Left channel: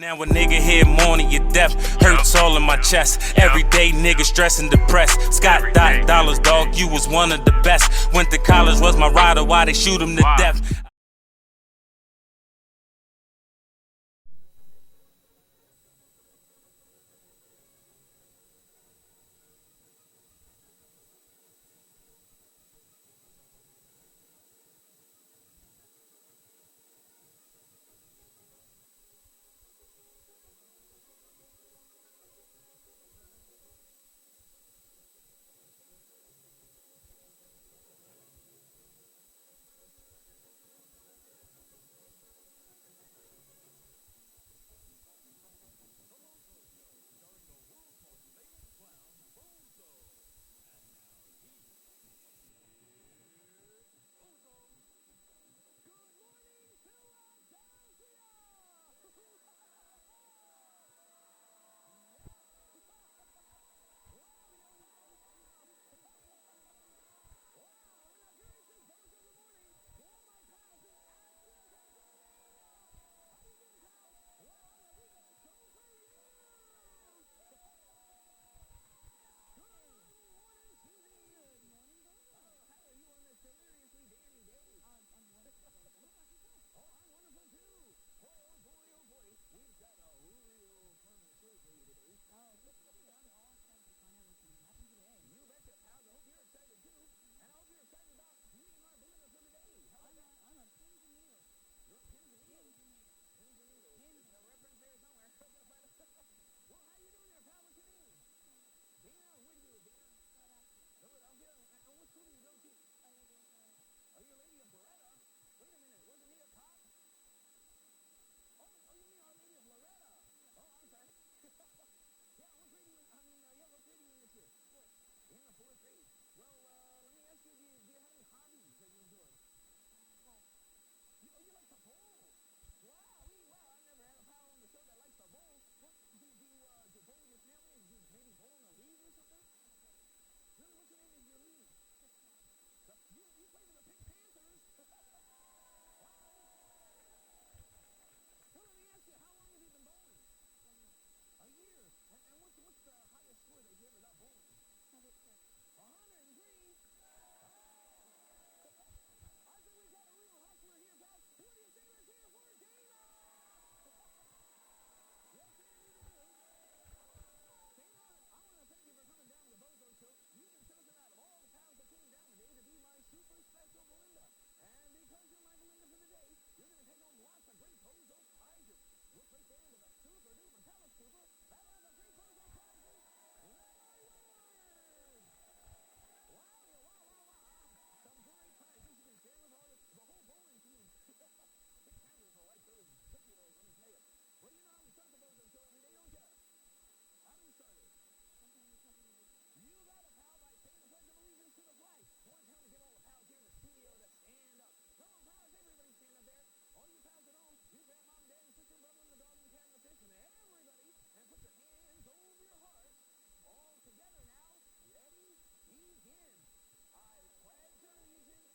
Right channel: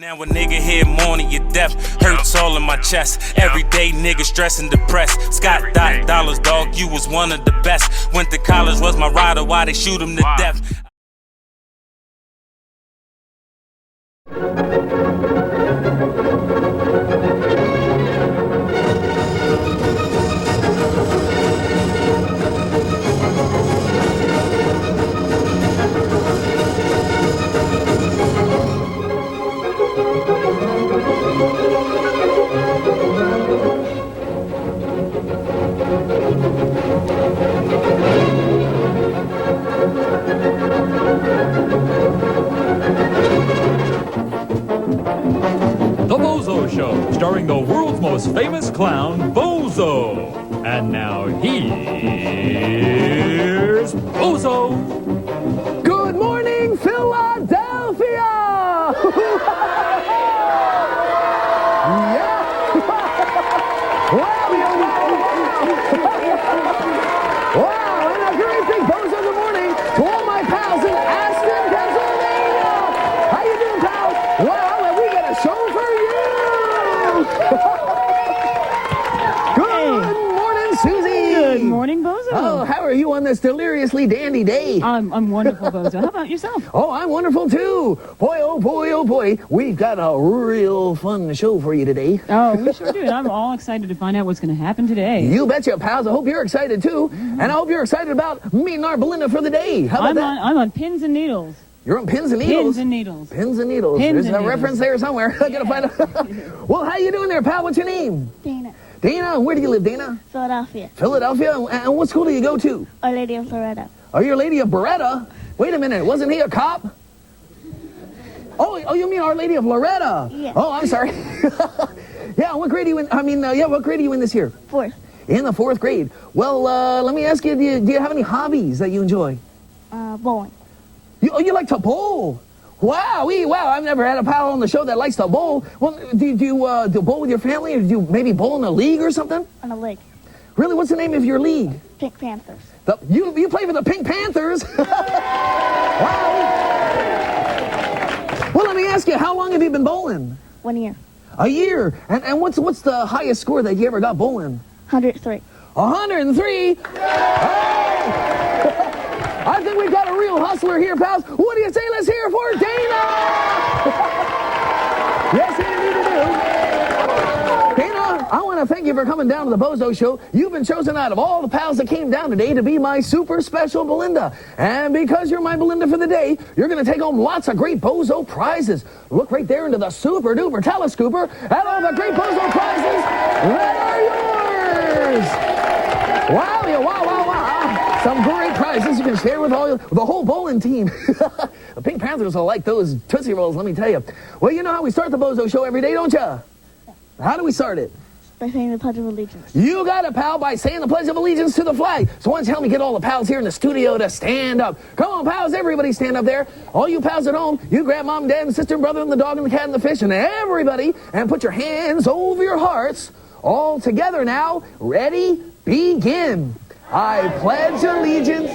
Now a nigga here mourning your death, hurts all in my chest. Everyday nigga stressed and depressed. Scott dollars, dog, you was one of the best. Went to college, was my rider, why they shoot him to death. The Bozo Show, starring the world's most famous clown, Bozo. And now here's Bozo. Good morning, Philadelphia! Yeah! Wow, and a very big Bozo good morning to all my pals in Aston, Pennsylvania! How you doing, pals? Well, and we got a show for you! Good morning, Susie! Good morning, Bozo. Oh, how are you on this deliriously dandy day? I'm wonderful, Bozo. How about yourself? Oh, I'm wonderful too. Boy, oh boy, we've got a real fun show for you today. Oh, we sure do. And I'm all excited to find out what's going to happen today. You betcha, pals. I hope you're excited too. And I hope you're excited about meeting our Belinda for the day. How about that? I'm on pins and needles. You're on pins and needles? Pins and needles. Pins and needles. Pins There's and a needles. reference there somewhere. I gotta find out. Well, how you doing there, pal? What's your name? Dana, Dana. Where do you live, Dana? Philadelphia, Philadelphia. And what school do you go to? Our Lady of Loretta. Are you a Lady of Beretta? Wait a minute. Wasn't he a cop? Oh, you mean Our Lady of Loretta? Yeah. Oh, I'm sorry. Yeah, what grade are you in? What grade are you in this year? Fourth, In the fourth grade. Well, let me ask you, do you have any hobbies that you enjoy? bowling. You like to bowl? Wow, I've never had a pal on the show that likes to bowl. Well, do you do bowl with your family, or do you maybe bowl in a league or something? On a lake. Really, what's the name of your league? Pink Panthers. You play for the Pink Panthers? Wow. Well, let me ask you, how long have you been bowling? 1 year. A year. And what's the highest score that you ever got bowling? 103. 103? I think we've got a real hustler here, pals. What do you say? Let's hear it for Dana! Yes, indeed we do. Dana, I want to thank you for coming down to the Bozo Show. You've been chosen out of all the pals that came down today to be my super special Belinda. And because you're my Belinda for the day, you're going to take home lots of great Bozo prizes. Look right there into the super duper telescooper at all the great Bozo prizes that are yours. Wow. Some great prizes you can share with the whole bowling team. The Pink Panthers will like those Tootsie Rolls, let me tell you. Well, you know how we start the Bozo Show every day, don't you? How do we start it? By saying the Pledge of Allegiance. You got it, pal, by saying the Pledge of Allegiance to the flag. So why don't you help me get all the pals here in the studio to stand up? Come on, pals, everybody stand up there. All you pals at home, you grab mom, dad, and sister, and brother, and the dog, and the cat, and the fish, and everybody, and put your hands over your hearts. All together now. Ready? Begin. I pledge allegiance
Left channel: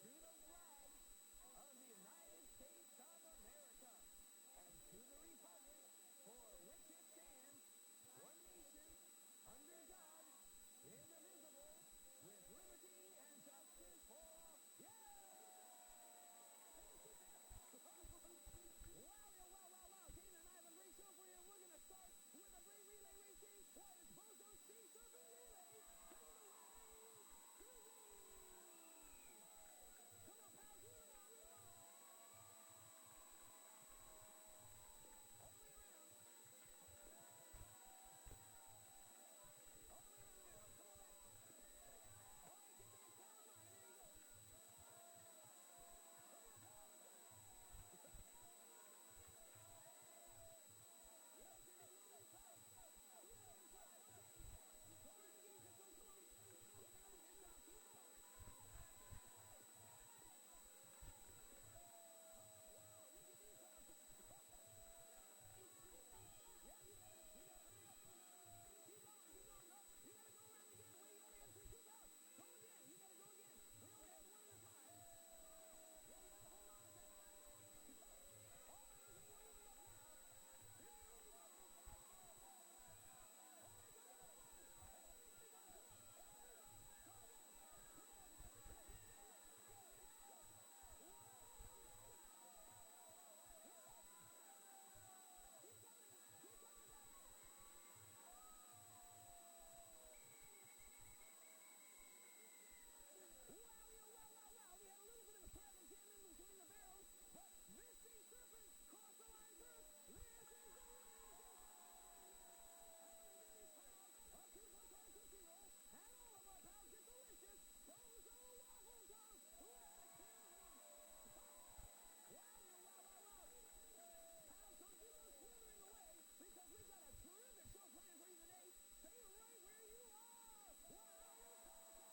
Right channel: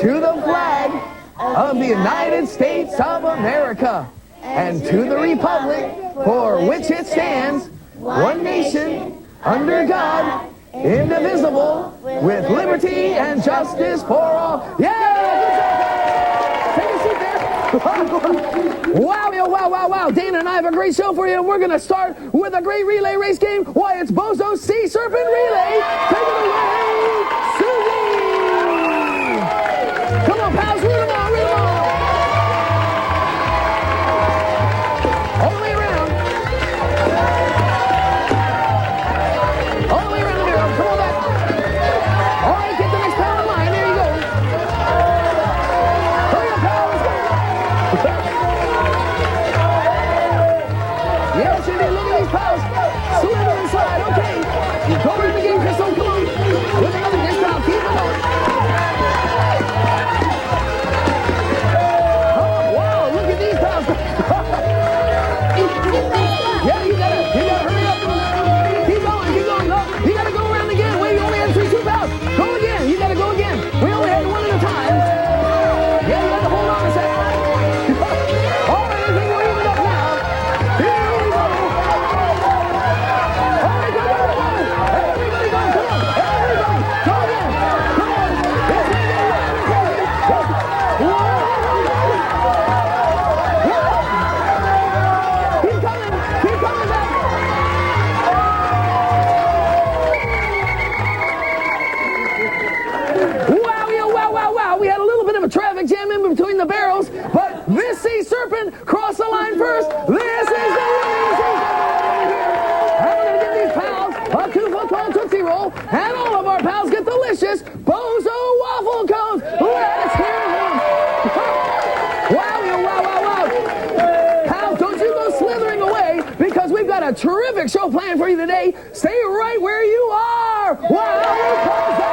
to the flag of the United States of America and to the republic for which it stands, one nation, under God, indivisible, with liberty and justice for all. Yeah! Take a seat there. Wow. Dana and I have a great show for you, and we're going to start with a great relay race game. Why, it's Bozo's Sea Serpent Relay. Take it away, Susie! Come on, pals, root them on. All the way around. All the way around here. Come on back. All right, get the next pal in line. There you go. Hurry up, pals. Yes, indeed. Look at these pals. Slither inside. Okay. Go around the game, Krystal. Come on. With another next pal. Keep it going. Yeah, you gotta hurry up. Keep going. No, you gotta go around again. Wait, you only had 2 pals. Go again. You gotta go again. We only had one at a time. Yeah, you have to hold on a second. All right, I think we're even up now. got a terrific show planned for you today. Stay right where you are. Wow,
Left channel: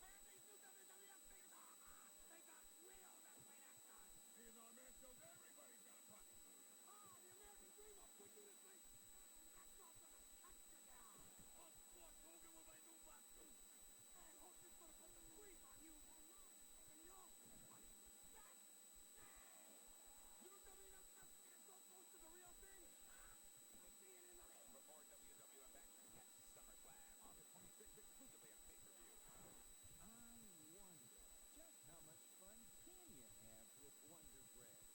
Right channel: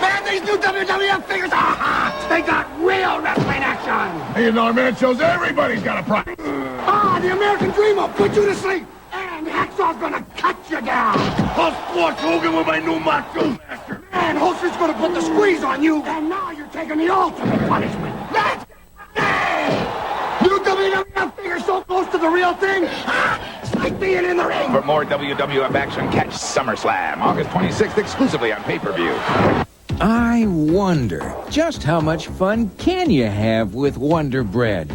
Man, these new WWF figures are hot. They got real wrestling action. Hey, our man shows everybody's got a price. The American Dream will put you to sleep. And Hacksaw's gonna cut you down. I'll squash Hogan with my new Macho Master. And Holster's gonna put the squeeze on you. And now you're taking the ultimate punishment. That's new WWF figures so close to the real thing. It's like being in the ring. For more WWF action, catch SummerSlam, August 26th, exclusively on pay-per-view. I wonder, just how much fun can you have with Wonder Bread?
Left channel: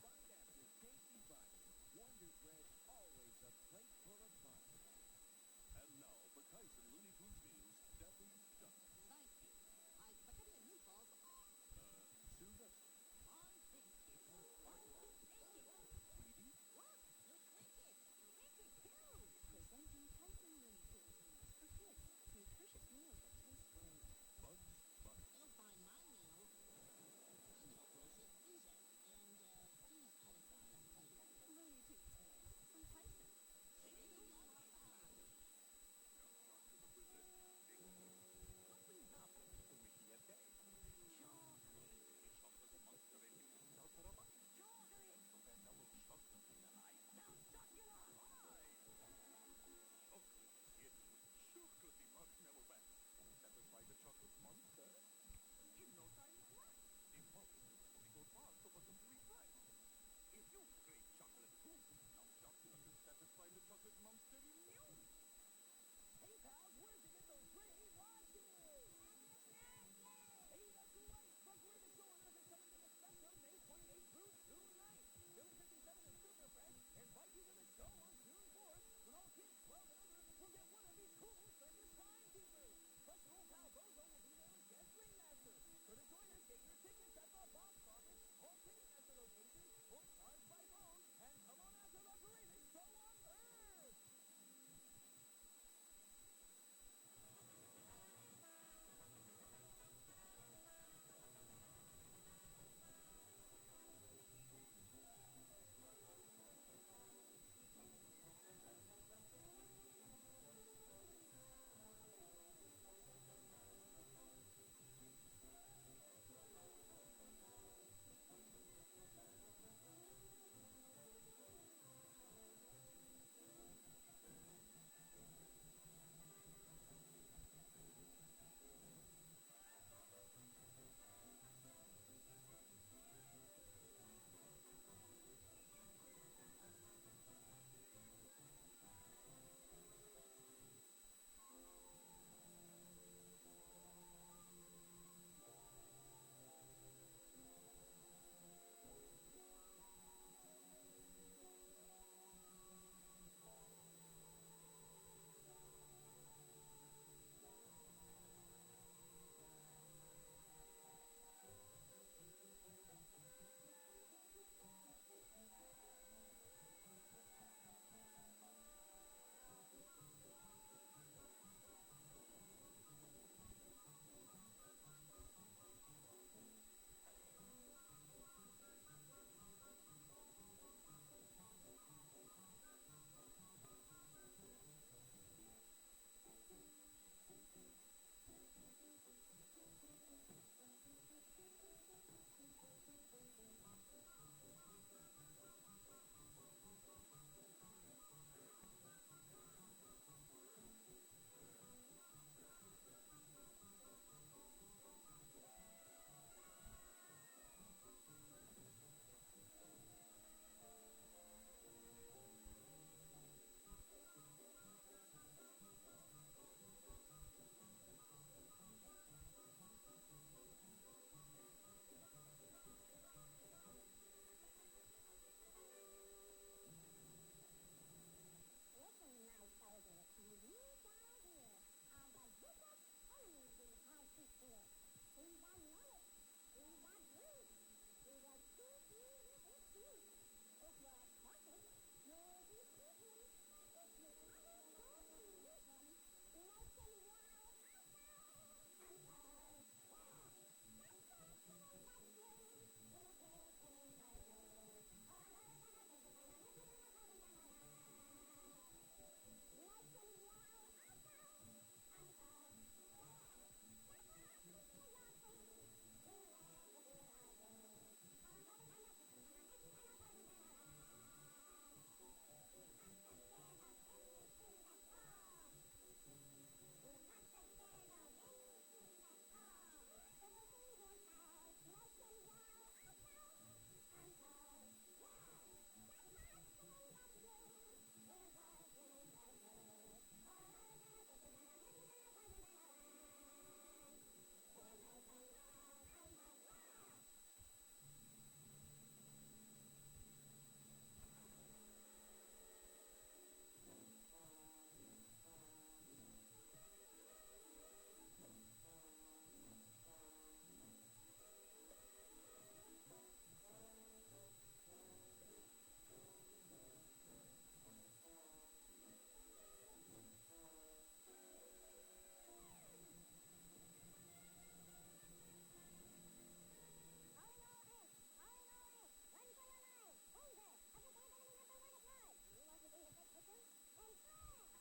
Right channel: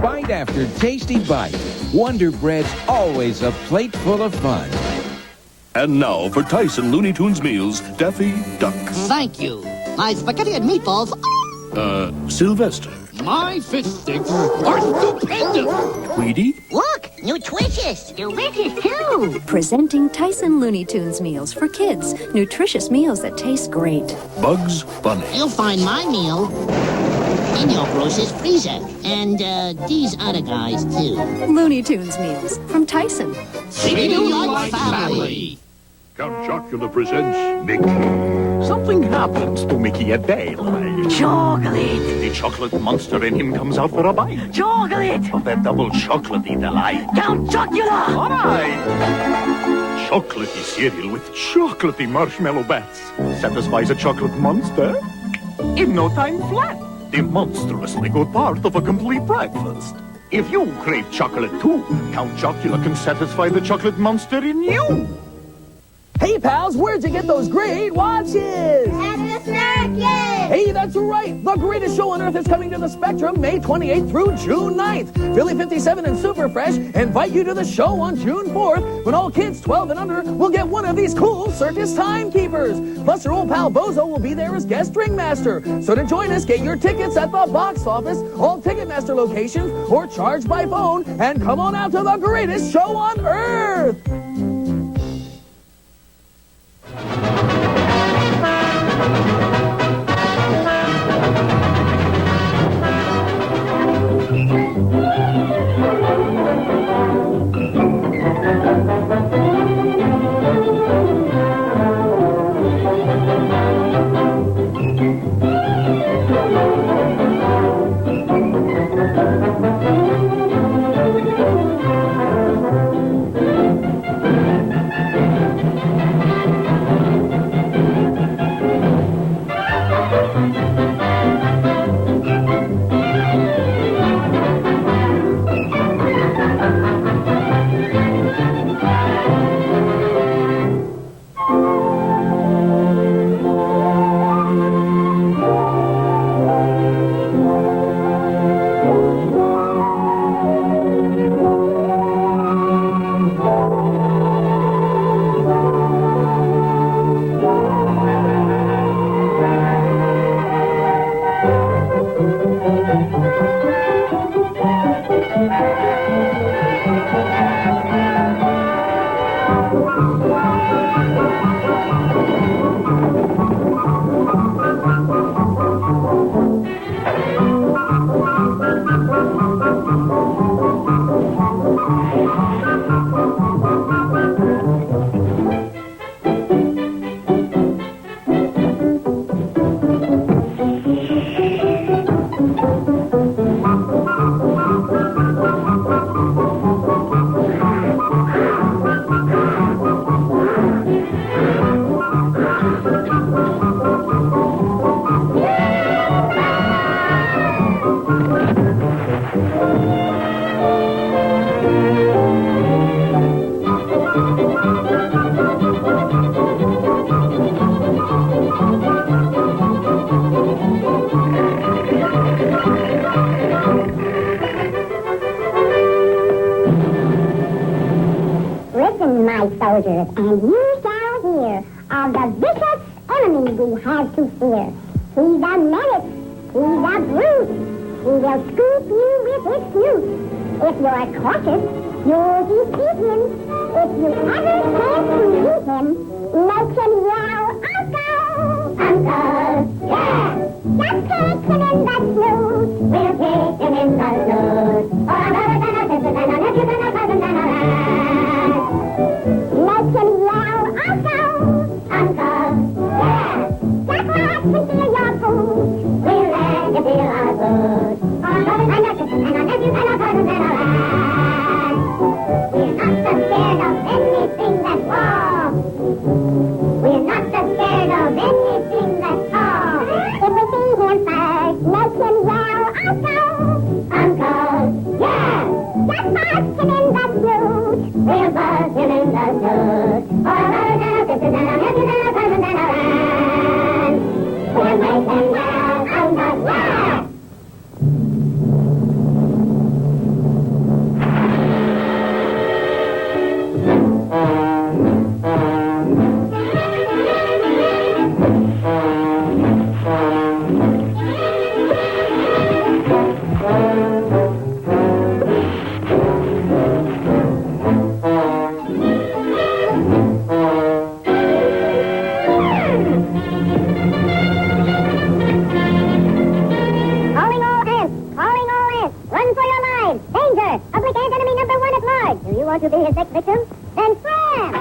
Bite after tasty bite, Wonder Bread's always a plate full of fun. And now for Tyson Looney Tunes meals, Daffy Duck. Thank you. My spaghetti and meatballs. Sylvester. My fish sticks are stupendous. Tweety. Look, nutritious. Delicious, too. Presenting Tyson Looney Tunes meals for kids. Nutritious meals that taste great. Bugs Bunny. You'll find my meal in your grocer's freezer. And, these other guys, too. Looney Tunes meals from Tyson. Treating you like family. Count Chocula presents Mickey. Something happens to Mickey a day like. Chocolate. The chocolate monster in him comes out for a bite Chocolate. of that double chocolatey delight. Count Chocula. All right. Chocolatey cereal with chocolatey marshmallow bats satisfies a chocolate monster in no time flat. The monstrously good part of a complete breakfast. If you crave chocolate too, Count Chocula can satisfy the chocolate monster in you. Hey, pals, where'd you get those great watches? At the circus! Hey, that's right. The greatest show on earth is coming to the Spectrum May 28th through June 9th. Philly 57 and Super Fresh invite you to the show on June 4th when all kids 12 and under will get one of these cool circus timekeepers. Plus, your old pal Bozo will be there as guest ringmaster. So to join us, get your tickets at the box office, all Ticketmaster locations, or charge by phone, and come on out to the greatest show on earth. Listen, my soldiers, and you shall hear of the vicious enemy we have to fear. He's a menace. He's a brute. He will scoop you with his snoot. If you're cautious, you'll defeat him. If you ever chance to meet him, make him yell, Uncle! Uncle! Yeah! Just take him in the snoot. We'll take him in the snoot. Make him yell, Uncle! Uncle! Yeah! Just like we feel your food. We'll let you feel our food. We're not so scared of anything that's wrong. We're not so scared of anything that's wrong. If we see him first, make him yell, Uncle! Uncle! Yeah! Just buzz him in the snoot. We'll buzz him in the snoot. We'll make him yell, Uncle! Yeah! To be his next victim, then slam!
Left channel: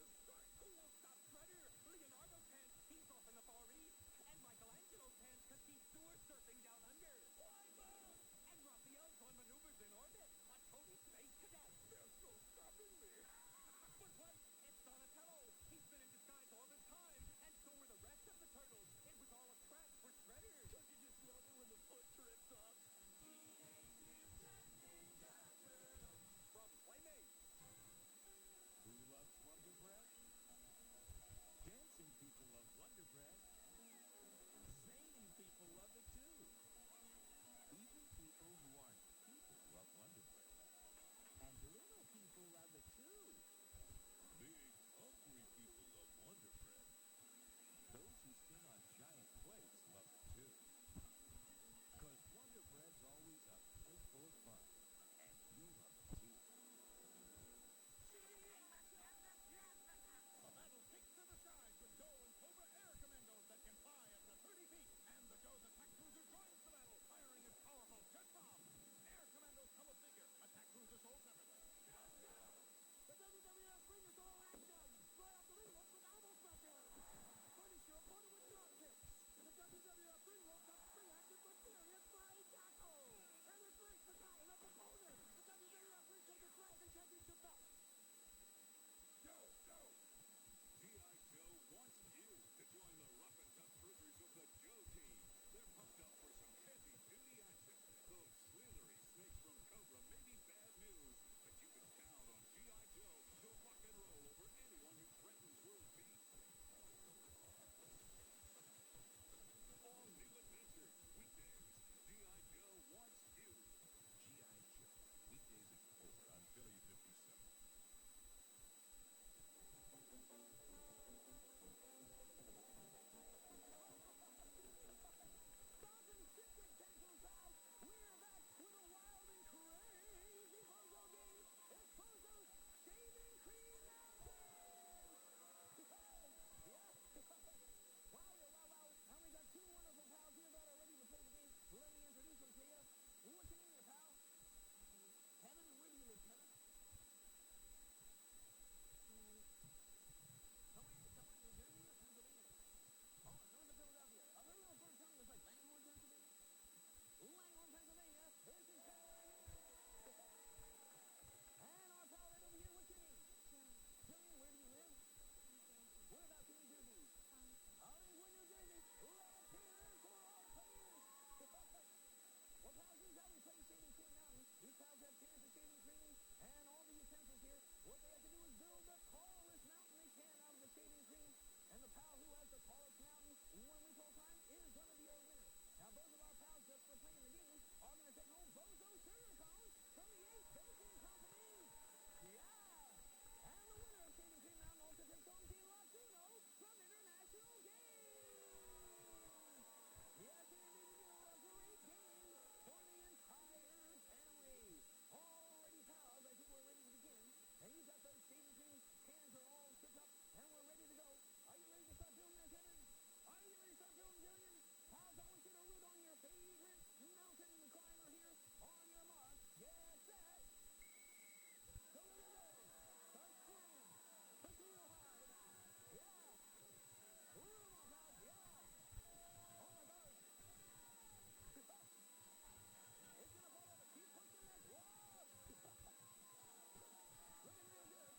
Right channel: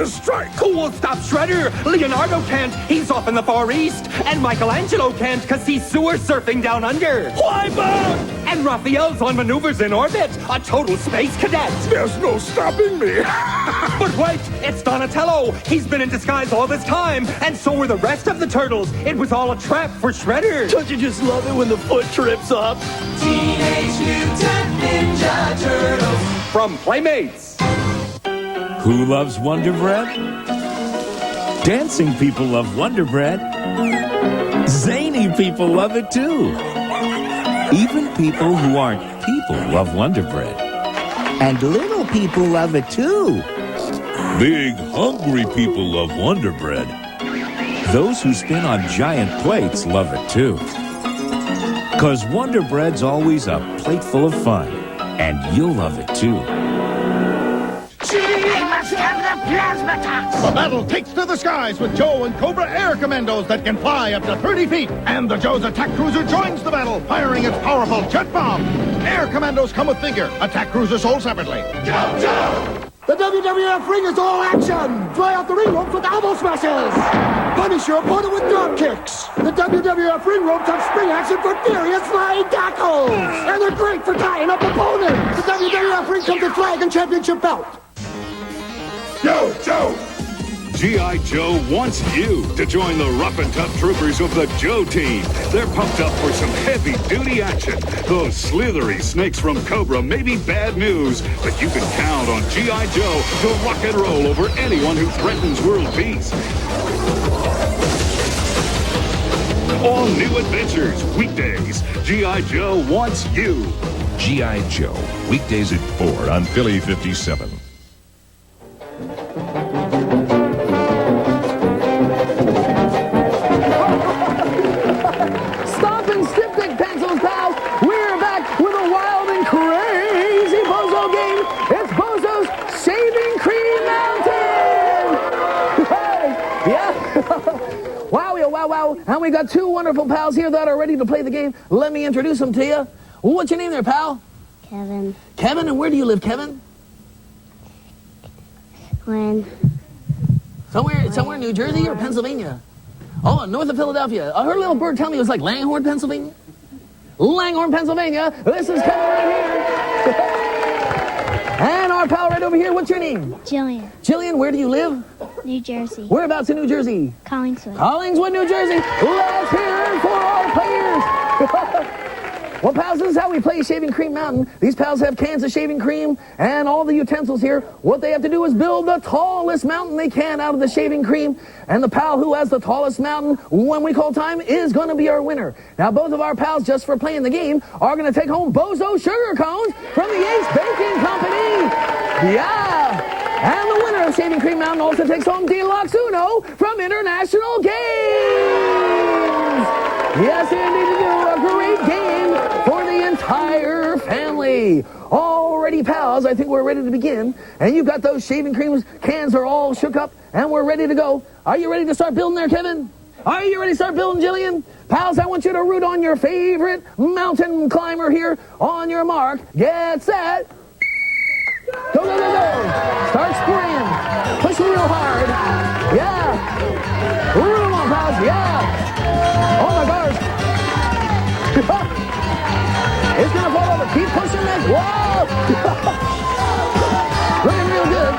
to strike. Who will stop Shredder? Leonardo can't. He's off in the Far East. And Michelangelo can't because he's sewer surfing down under. Wipeout! And Raphael's on maneuvers in orbit. A total space cadet. There's no stopping me. But wait, it's Donatello. He's been in disguise all this time. And so were the rest of the turtles. It was all a trap for Shredder. Don't you just love it when the foot trips up? Teenage Mutant Ninja Turtles. From Playmates. Who loves Wonder Bread? Dancing people love Wonder Bread. Zany people love it too. Even people who aren't people love Wonder Bread. And little people love it too. Big, hungry people love Wonder Bread. Those who spin on giant plates love it too. 'Cause Wonder Bread's always a plate full of fun. And you'll love it too. Gee, must have the plasma tox. The battle takes to the skies with Joe and Cobra Air Commandos that can fly up to 30 feet. And the Joe's attack cruiser joins the battle, firing its powerful jet bomb. Air Commandos come with figure. Attack cruisers sold separately. Joe! The WWF ring is all action! Fly out the ring ropes with elbow smashes! Punish your opponent with drop kicks! The WWF ring ropes have spring action for furious flying tackles! And they're great for tying up opponents! The WWF ring comes with flag and championship belt! Yo, Joe! G.I. Joe wants you to join the rough and tough troopers of the Joe team. They're pumped up for some heavy-duty action. Those slithery snakes from Cobra may be bad news, but you can count on G.I. Joe to rock and roll over anyone who threatens world peace. All new adventures, weekdays. G.I. Joe wants you. G.I. Joe, weekdays at 4 on Philly 57. Stop and styptic pencils, pals. We're back with a wild and crazy Bozo game. It's Bozo's Shaving Cream Mountain. Hey, yeah. Wow, yeah, wow, wow. And we got two wonderful pals here that are ready to play the game. Let me introduce them to you. What's your name there, pal? Kevin. Kevin, and where do you live, Kevin? When? Somewhere in New Jersey or Pennsylvania? Oh, north of Philadelphia. I heard a little bird tell me it was like Langhorne, Pennsylvania. Langhorne, Pennsylvania. This is Kevin right here. And our pal right over here, what's your name? Jillian. Jillian, where do you live? New Jersey. Whereabouts in New Jersey? Collingswood. Collingswood, New Jersey. Let's hear it for our players. Well, pals, this is how we play Shaving Cream Mountain. These pals have cans of shaving cream and all the utensils here. What they have to do is build the tallest mountain they can out of the shaving cream. And the pal who has the tallest mountain, when we call time, is going to be our winner. Now, both of our pals, just for playing the game, are going to take home Bozo sugar cones from the Ace Baking Company. Yeah. And the winner of Shaving Cream Mountain also takes home Deluxe Uno from International Games. Yes, indeed, we do. A great game for the entire family. Alrighty, pals, I think we're ready to begin. And you've got those shaving cream cans are all shook up, and we're ready to go. Are you ready to start building there, Kevin? Are you ready to start building, Jillian? Pals, I want you to root on your favorite mountain climber here. On your mark, get set. Go, go, go, go. Start spraying. Push real hard. Yeah. Root them on, pals. Yeah. Oh, my gosh. It's going to fall over. Keep pushing it. Whoa. Looking real good.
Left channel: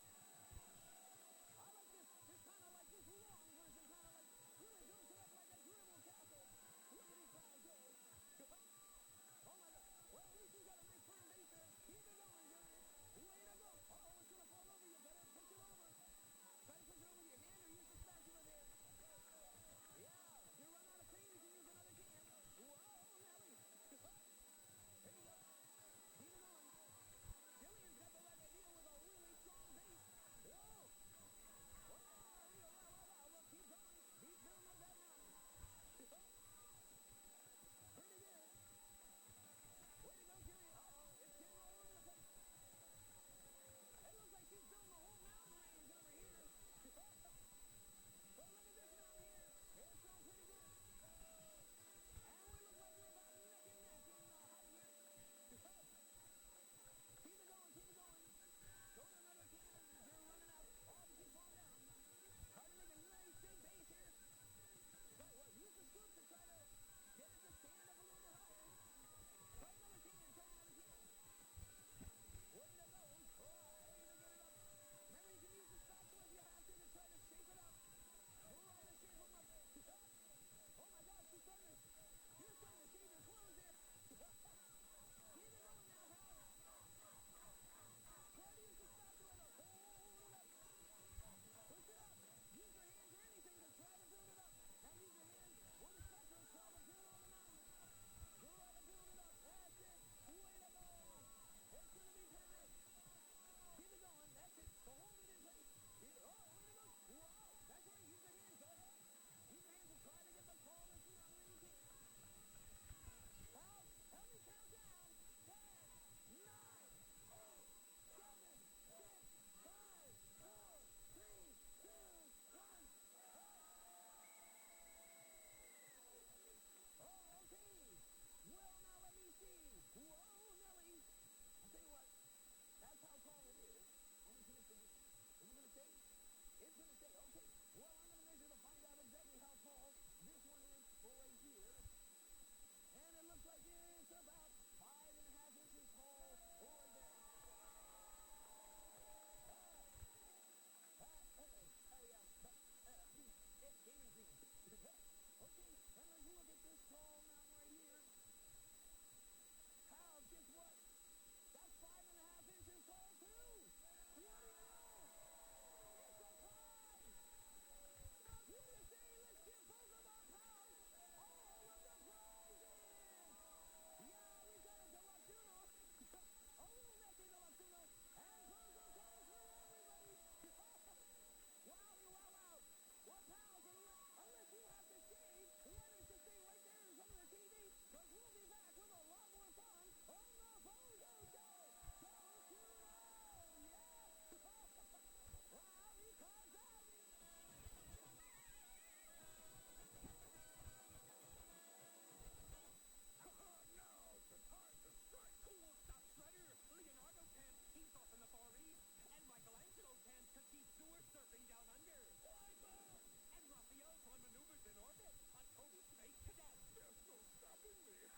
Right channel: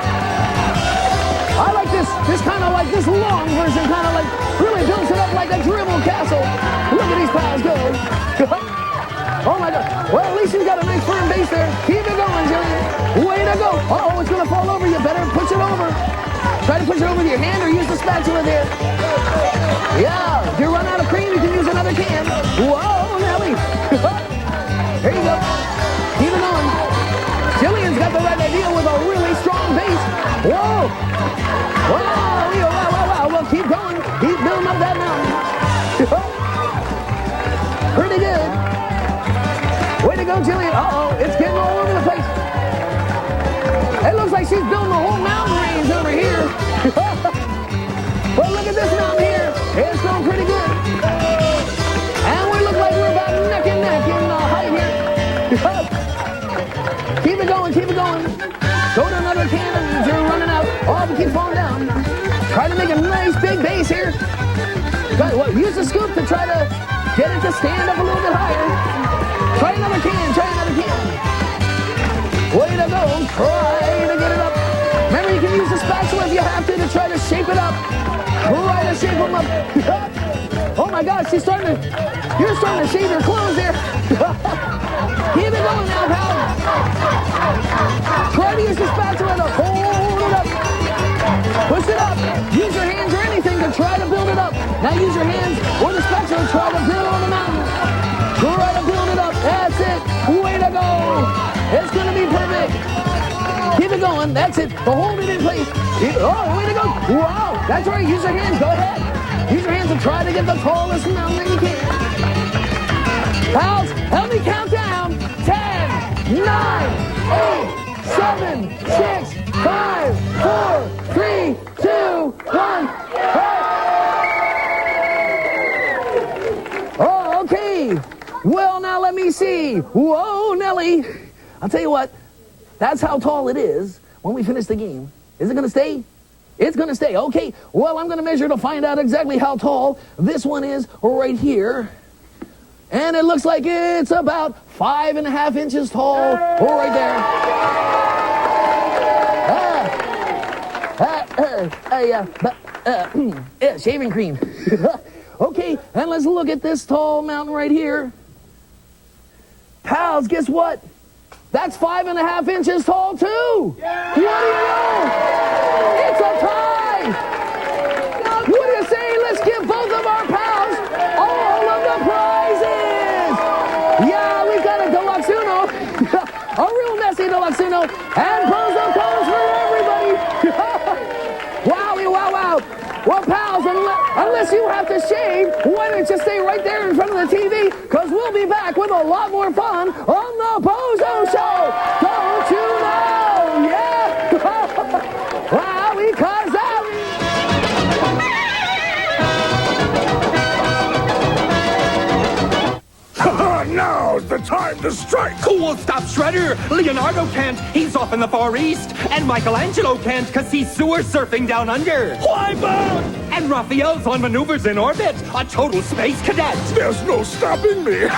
I like this kind of like this long version, kind of like really builds it up like a dribble castle. Look at these pals go. Oh, my God. Well, at least you got a nice firm base there. Keep it going, Jillian. Way to go. Uh-oh, it's going to fall over. You better push it over. Try to push it over with your hand or use the spatula there. Yeah. If you run out of cream, you can use another can. Whoa, Nelly. Here you go. Keep it going. Jillian's got the right idea with a really strong base. Whoa. Wow, wow, wow, wow. Well, keep going. Keep building up that mountain. Pretty good. Way to go, Jillian. Uh-oh, it's getting all over the place. It looks like she's building a whole mountain range over here. Well, look at this mountain here. It's going pretty good. And we look like we're about neck and neck in height here. Keep it going, keep it going. Go to another can and you're running out. Oh, but keep falling down. Use the scoop to try to get it to stand up a little bit higher. Try another can. Try another can. Way to go. Try to get it up. Remember, you can use the spatula if you have to try to shape it up. Try to shape them up. Oh my gosh, you're starting to shave your clothes there. Keep it going now, pal. Try to use the spatula to hold it up. Push it up. Use your hands or anything to try to build it up. Now use your hands or the spatula to try to build the mountain. Try to build it up. That's it. Way to go. It's going to be perfect. Keep it going. That's it. But hold it in place. Oh, way to go. Wow. That's right. Use your hands. Go ahead. Use your hands to try to get the tallest mountain that you can. Pals, help me count down. 10, 9, 8, 7, 6, 5, 4, 3, 2, 1. Oh, okay. Well, now let me see. Whoa, Nelly. I'll tell you what. That's how tall it is when we finish the game. Is it going to stay? It's going to stay. Okay. Well, I'm going to measure to find out exactly how tall this one is right here. And it looks like it's about 5.5 inches tall right there. Shaving cream. Okay, and let's look at this tall mountain right here. Pals, guess what? That's 5.5 inches tall, too. Yeah. What do you know? It's a tie. What do you say? Let's give both of our pals all of the prizes. Yeah, we've got a Deluxe Uno, a real messy Deluxe Uno, and BOZO cones for everybody. Wowie, wow, wow. Well, pals, unless you have to shave, why don't you stay right there in front of the TV? Because we'll be back with a lot more fun on the BOZO Show. Don't you know? Yeah. Wow, because Now's the time to strike! Who will stop Shredder? Leonardo can't. He's off in the Far East. And Michelangelo can't because he's sewer surfing down under. Why, Bob? And Raphael's on maneuvers in orbit. A total space cadet. There's no stopping me.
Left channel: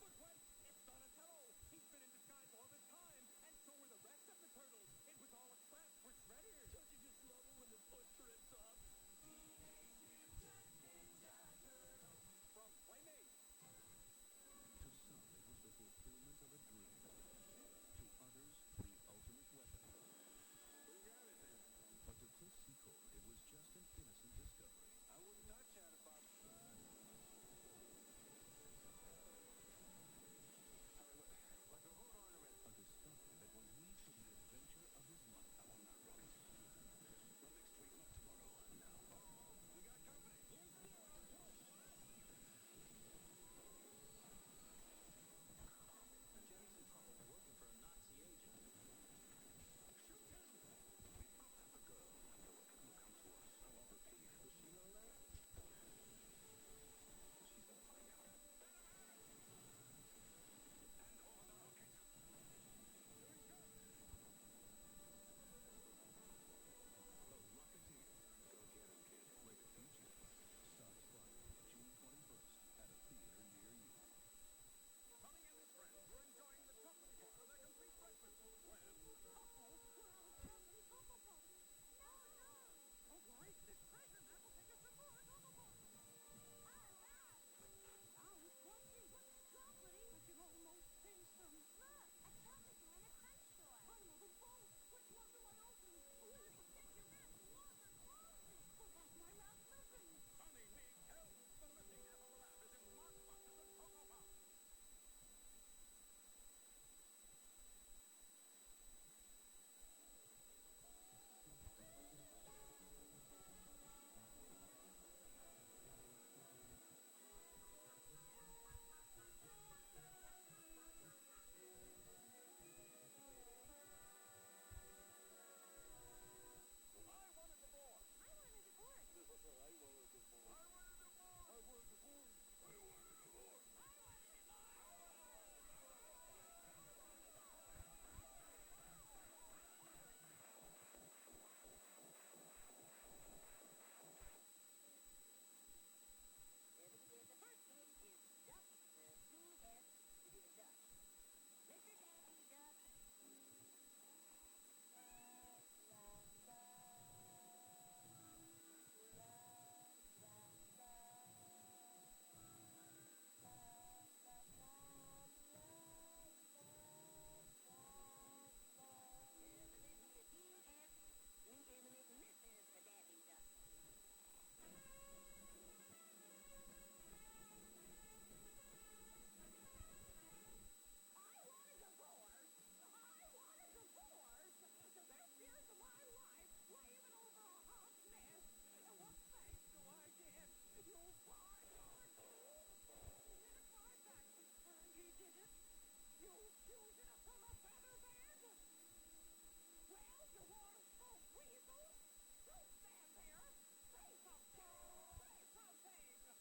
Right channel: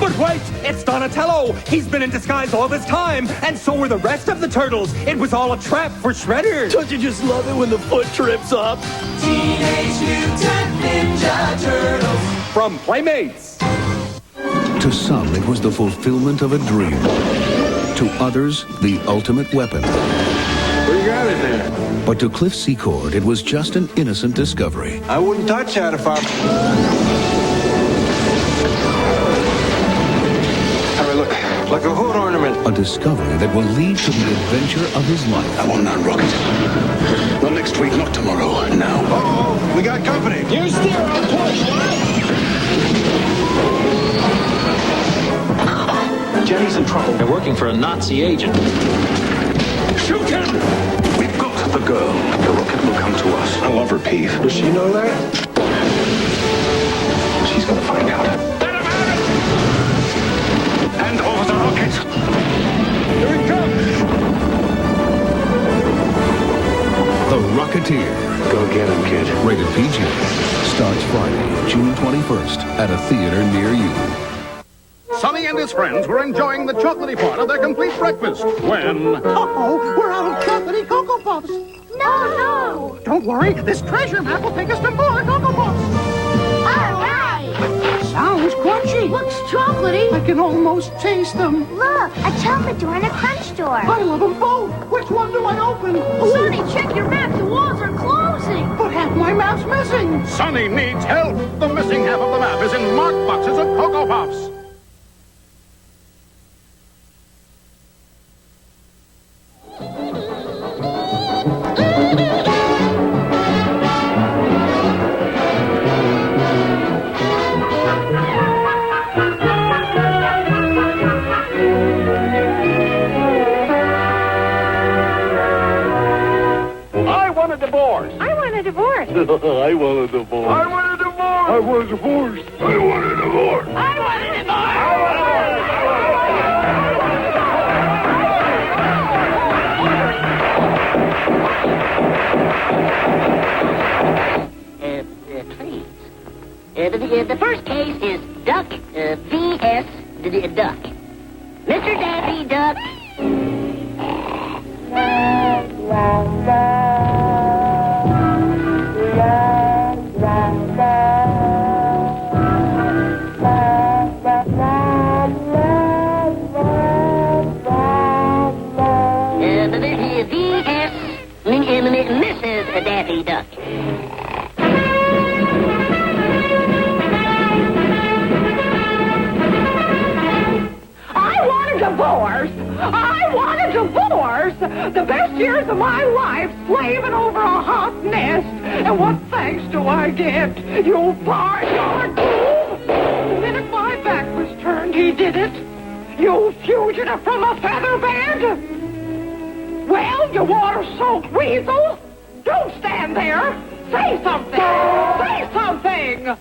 But wait, it's Donatello. He's been in disguise all this time. And so were the rest of the turtles. It was all a trap for Shredder. Don't you just love it when the foot trips up? Teenage Mutant Ninja Turtles. From Playmates. To some, it was the fulfillment of a dream. To others, the ultimate weapon. What do you got in there? But to Cliff Secord, it was just an innocent discovery. I wouldn't touch that if I mean, look, like a hood ornament. A discovery that will lead to the adventure of his life. I want that rocket. Not next week, not tomorrow, now. Uh-oh, we got company. You steer, I'll push. Jenny's in trouble. They're working for a Nazi agent. Shoot him! We've got the girl. The rocket will come to us. I love her, Peeve. Does she know that? She's gonna find out. Let him have it! Hand over the rocket! Here he comes! The Rocketeer. Go get him, kid. Rated PG. Starts Friday, June 21st at a theater near you. Sonny and his friends were enjoying the chocolatey part of their complete breakfast when... Uh-oh, we're out of chocolatey Cocoa Puffs. No! Don't worry, this treasure map will take us to more Cocoa Puffs. All right! Sounds crunchy. Looks chocolatey. I can almost taste them. Look, a chocolate door and a crunch door. I love them both. Which one do I open? Sonny, check your map. The walls are closing. But half my map's missing. Sonny needs help. The missing half of the map is in marked boxes of Cocoa Puffs. divorce. I want a divorce. I want a divorce. I want a divorce. I want a divorce. I want a divorce. I want a divorce. Please. The first case is Duck vs. Duck. Mr. Daffy Duck. Mrs. Daffy Duck. I want a divorce. I want a divorce. The best years of my life slaving over a hot nest. And what thanks do I get? You barnyard boob. The minute my back was turned, he did it. You fugitive from a feather bed. Well, you water-soaked weasel. Don't stand there. Say something. Say something.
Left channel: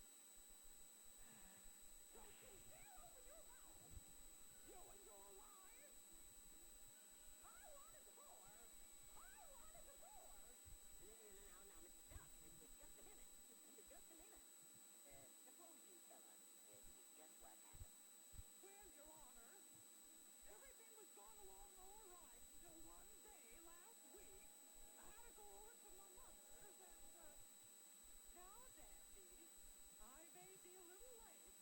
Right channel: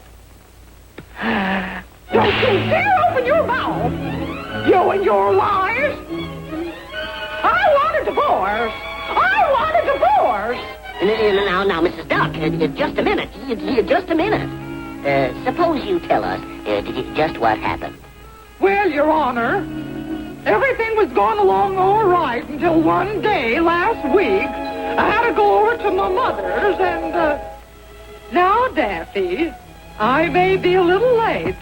Don't you dare open your mouth. You and your lies. I want a divorce. I want a divorce. Now, Mrs. Duck, just a minute. Just a minute. Suppose you tell us just what happened. Well, Your Honor, everything was going along all right until one day last week I had to go over to my mother's and, now, Daffy, I may be a little late,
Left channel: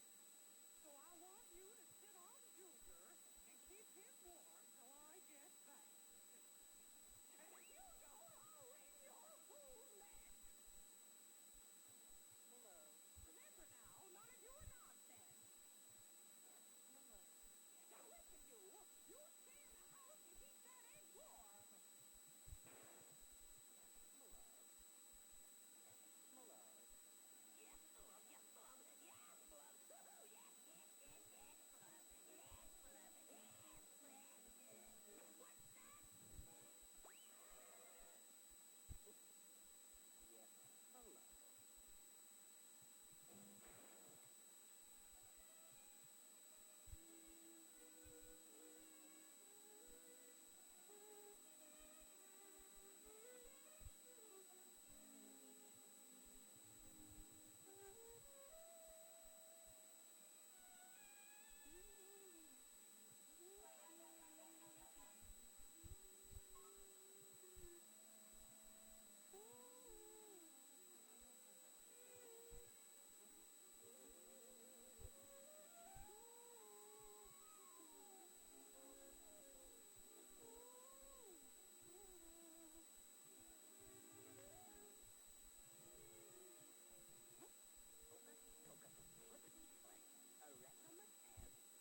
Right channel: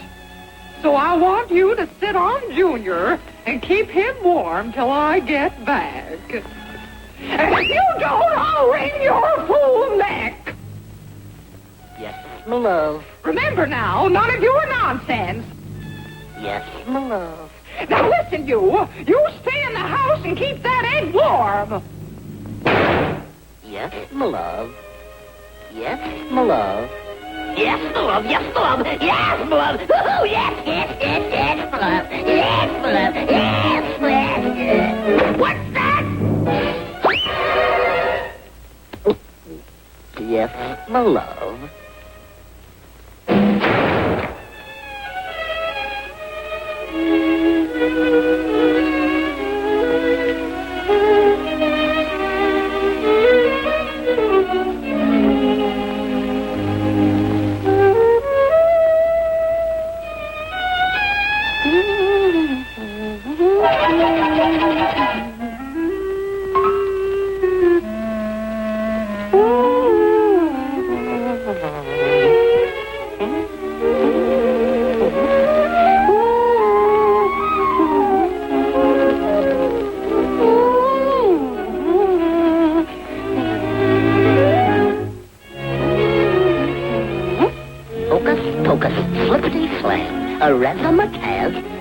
so I want you to sit on Junior and keep him warm till I get back. And if you don't, I'll wring your fool neck. Yes, my love. Remember now, none of your nonsense. Yes, my love. Now listen, you stay in the house and keep that egg warm. Yes, my love. Yes, my love. Yes, my love. Yes, my love. Yes, my love. Oh, yes, yes, yes, yes, my love. Yes, my love. Yes, yes, yes. What's that? Yes, my love.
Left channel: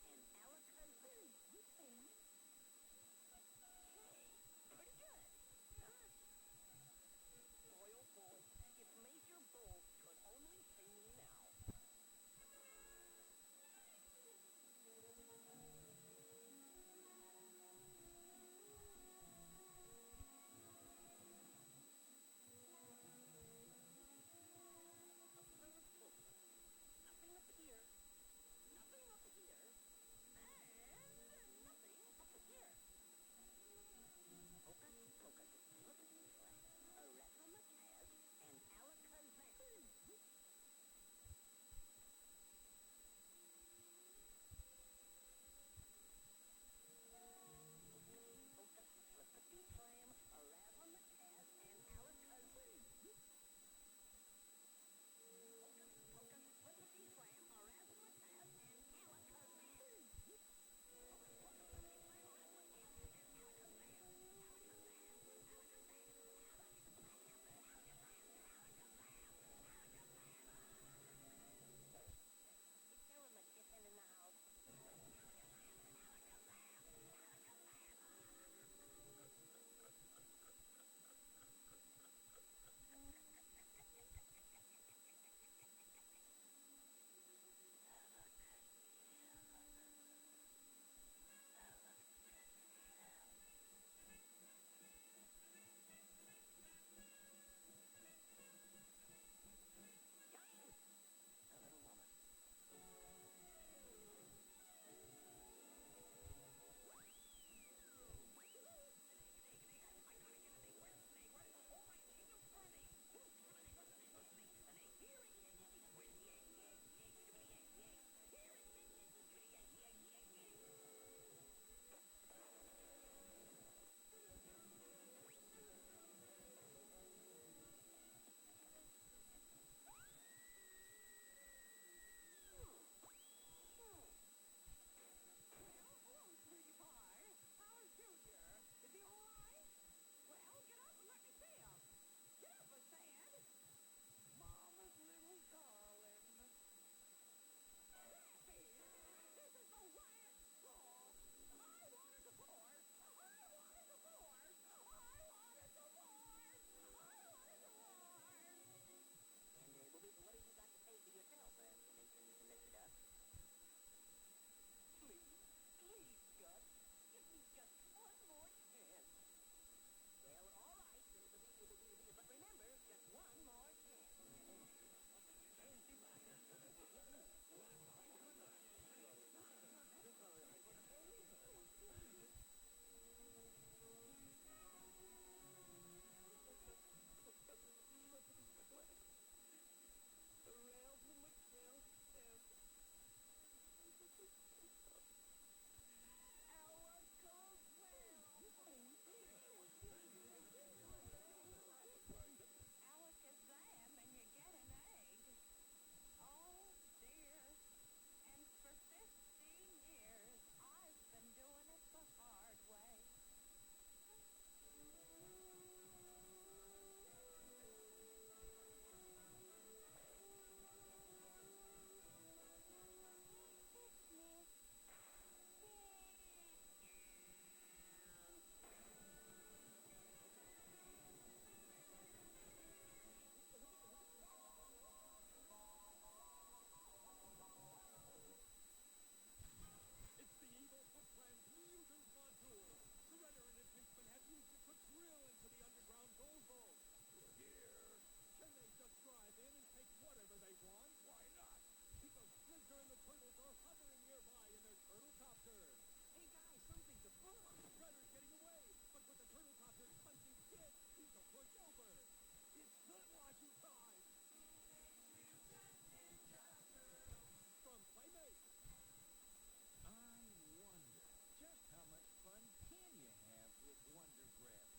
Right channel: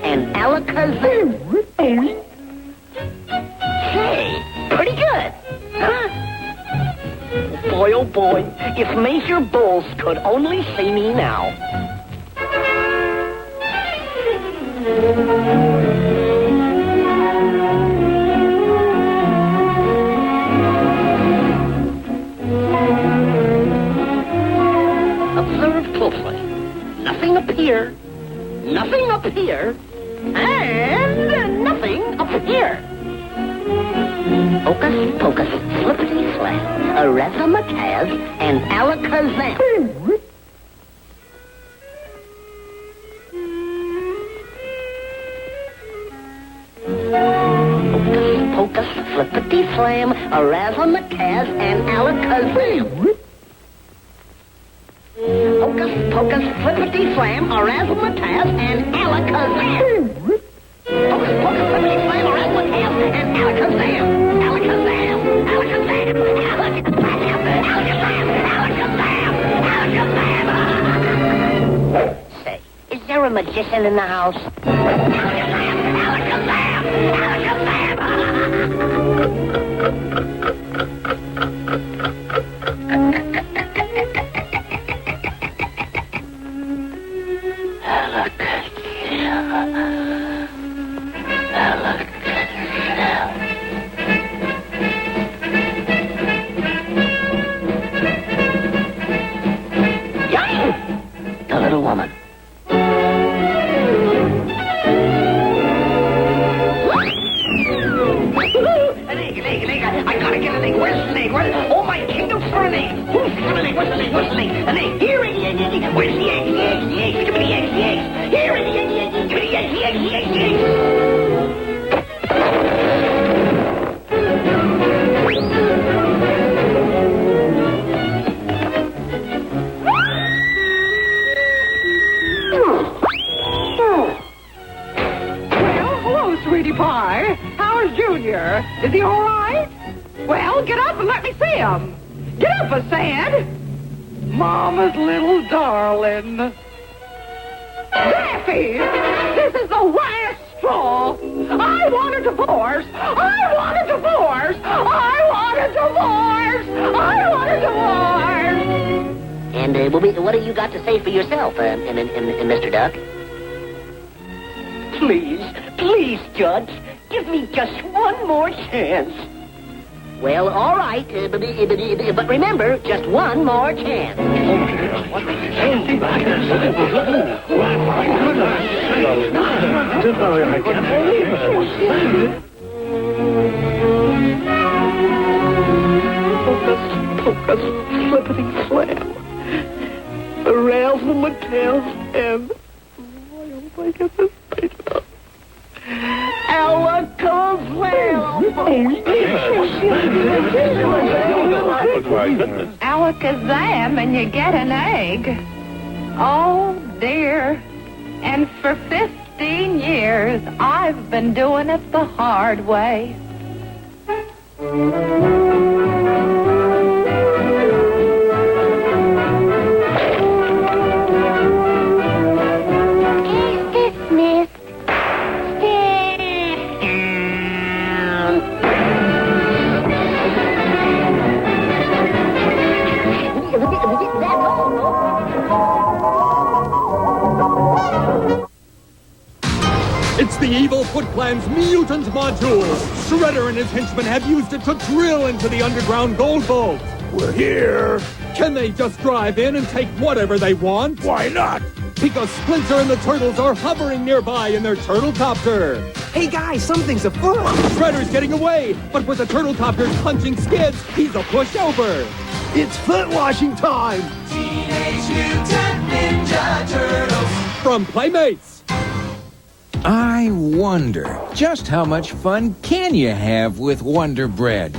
And Alakazam. Hey, pretty good, huh? Boy, oh boy, if Major Bulls could only see me now. Observe closely. Nothing up here. Nothing up here, and nothing up here. Hocus pocus, flippity slam, a razzmatazz, and alakazam. Hocus pocus, flippity slam, a razzmatazz, and alakazam. Hocus pocus, flippity slam, a razzmatazz, and alakazam. Hocus pocus, flippity slam, a razzmatazz, and alakazam. Alakazam, alakazam, alakazam, alakazam, alakazam. Say, is there a magician in the house? Alakazam, alakazam, the little woman. An egg. I gotta get an egg. Where's an egg? Oh, my kingdom's for an egg. Where's an egg? Where's an egg? An egg. Here it is. Where's the egg? here. Is he all right? Well, get up and let me see him. Get up, I said. Mama's little darling. Daffy, this is the last straw. I want a divorce. I want a divorce. I want a divorce. I want a divorce. And what have you got to say for yourself, Mr. Duck? Please, Judge, give me just one more chance. Well, all right, but remember, just one more chance. Pocus, flippity slam. The rails and the tails and... I hope I get this right up. Alakazam and you get an egg. Oh, dear. And for 15 years, I've been doing it the hard way. It's the evil Foot Clan's mutant module. Shredder and his henchmen have used it to drill into the underground gold vault. We're here. Can they just drive in and take whatever they want? Why not? Because Splinter and the Turtles are hovering nearby in their turtle copter. Hey guys, something's afoot. Shredder's getting away, but with the turtle copter's punching skids, he's a pushover. It's foot washing time. Teenage Mutant Ninja Turtles. From Playmates. I wonder, just how much fun can you have with Wonder Bread?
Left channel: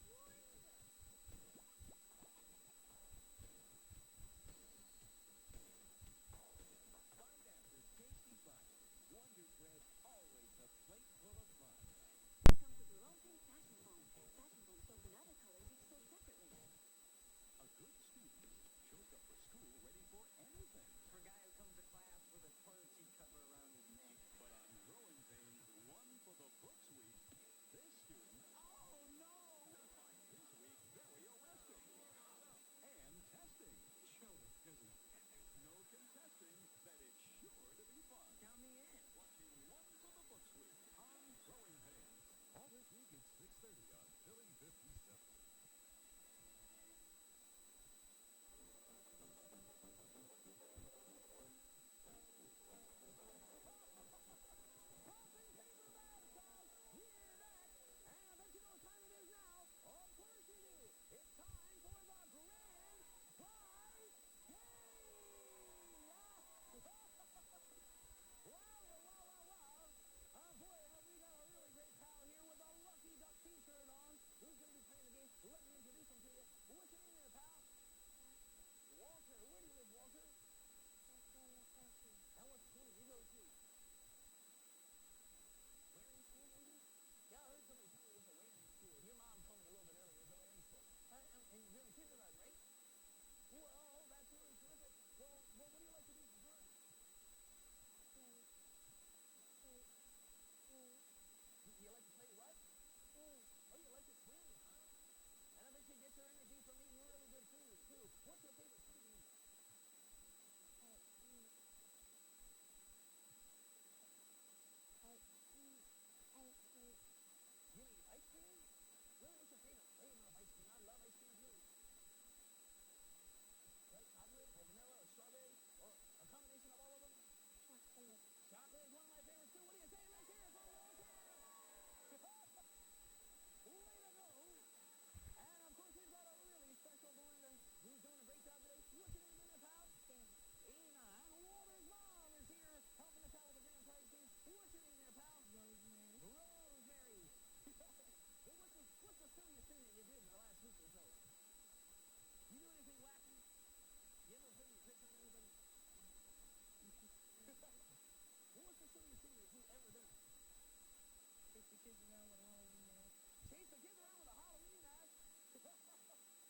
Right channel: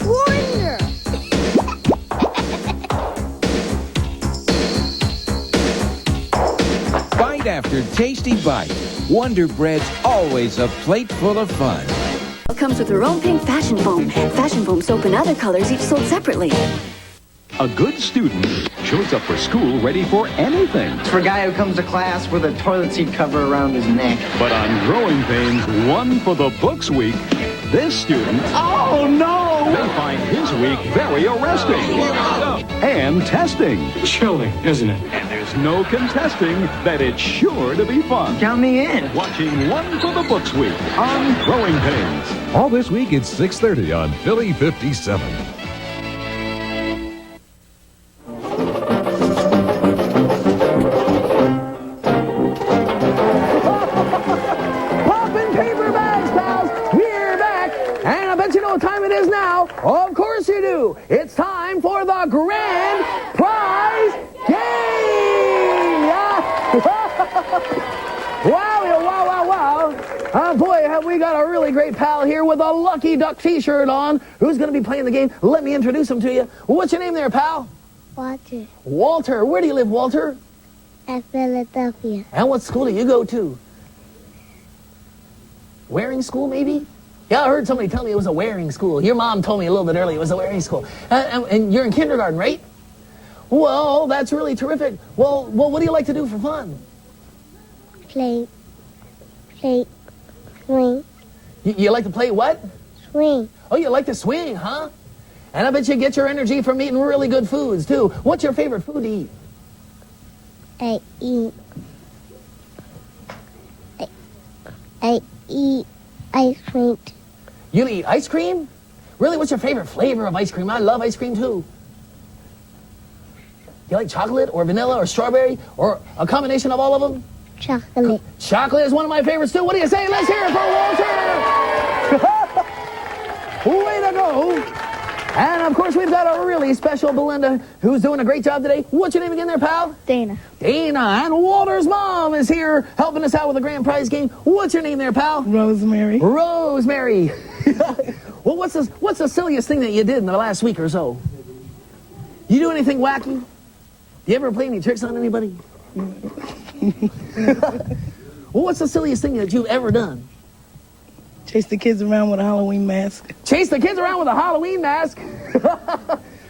Wonder! Bite after tasty bite. Wonder Bread's always a plate full of fun. Comes with her own pink fashion foam. Fashion foam soap in other colors, each sold separately. A good student shows up for school ready for anything. It's for a guy who comes to class with a toilet seat cover around his neck. But on Growing Pains, one for the books week, this student... Oh, no! They find his week very arresting. And testing. Chilling, isn't it? And there's no contesting that it's sure to be fun. Count me in. Watching One for the Books Week on Growing Pains. All this week at 6:30 on Philly 57. Poppin' paper bags, pals. We're back. And I bet you know what time it is now. Of course you do. It's time for the grand prize game. Wow. Boy, have we got a really great pal here with a Lucky Duck t-shirt on who's going to be playing the game. Let me introduce him to you. What's your name there, pal? Walter. Walter. Where do you live, Walter? At Philadelphia. And what school do you go to? Wearing school, maybe? Yeah, I heard somebody tell me it was a wearing school. Your mom told me a little bit earlier it was a wearing school. And you're in kindergarten, right? Well, that's really terrific. Well, what do you like to do for fun? Play, swing. You like to play what? Swing. Oh, you like to swing, huh? And I bet you get your energy from eating really good foods, too. What's your favorite food to eat? I eat ice cream. You eat ice cream? Really, what's your favorite flavor of ice cream? I love ice cream, too. You like chocolate or vanilla or strawberry or a combination of all of them? Chocolate. Chocolate is one of my favorites, too. What do you say? Let's hear it for Walter! Way to go! And, of course, we've got a really special Belinda who's doing a great job today. What's your name again there, pal? Dana. Dana. And Walter's mom is here helping us out with the grand prize game. What's your name there, pal? Rosemary. Rosemary. Well, what's the silliest thing that you did in the last week or so? You do anything wacky? You ever play any tricks on anybody? Well, what's the silliest thing that you've ever done? Chase the kids around with a Halloween mask. Chase the kids around with a Halloween mask?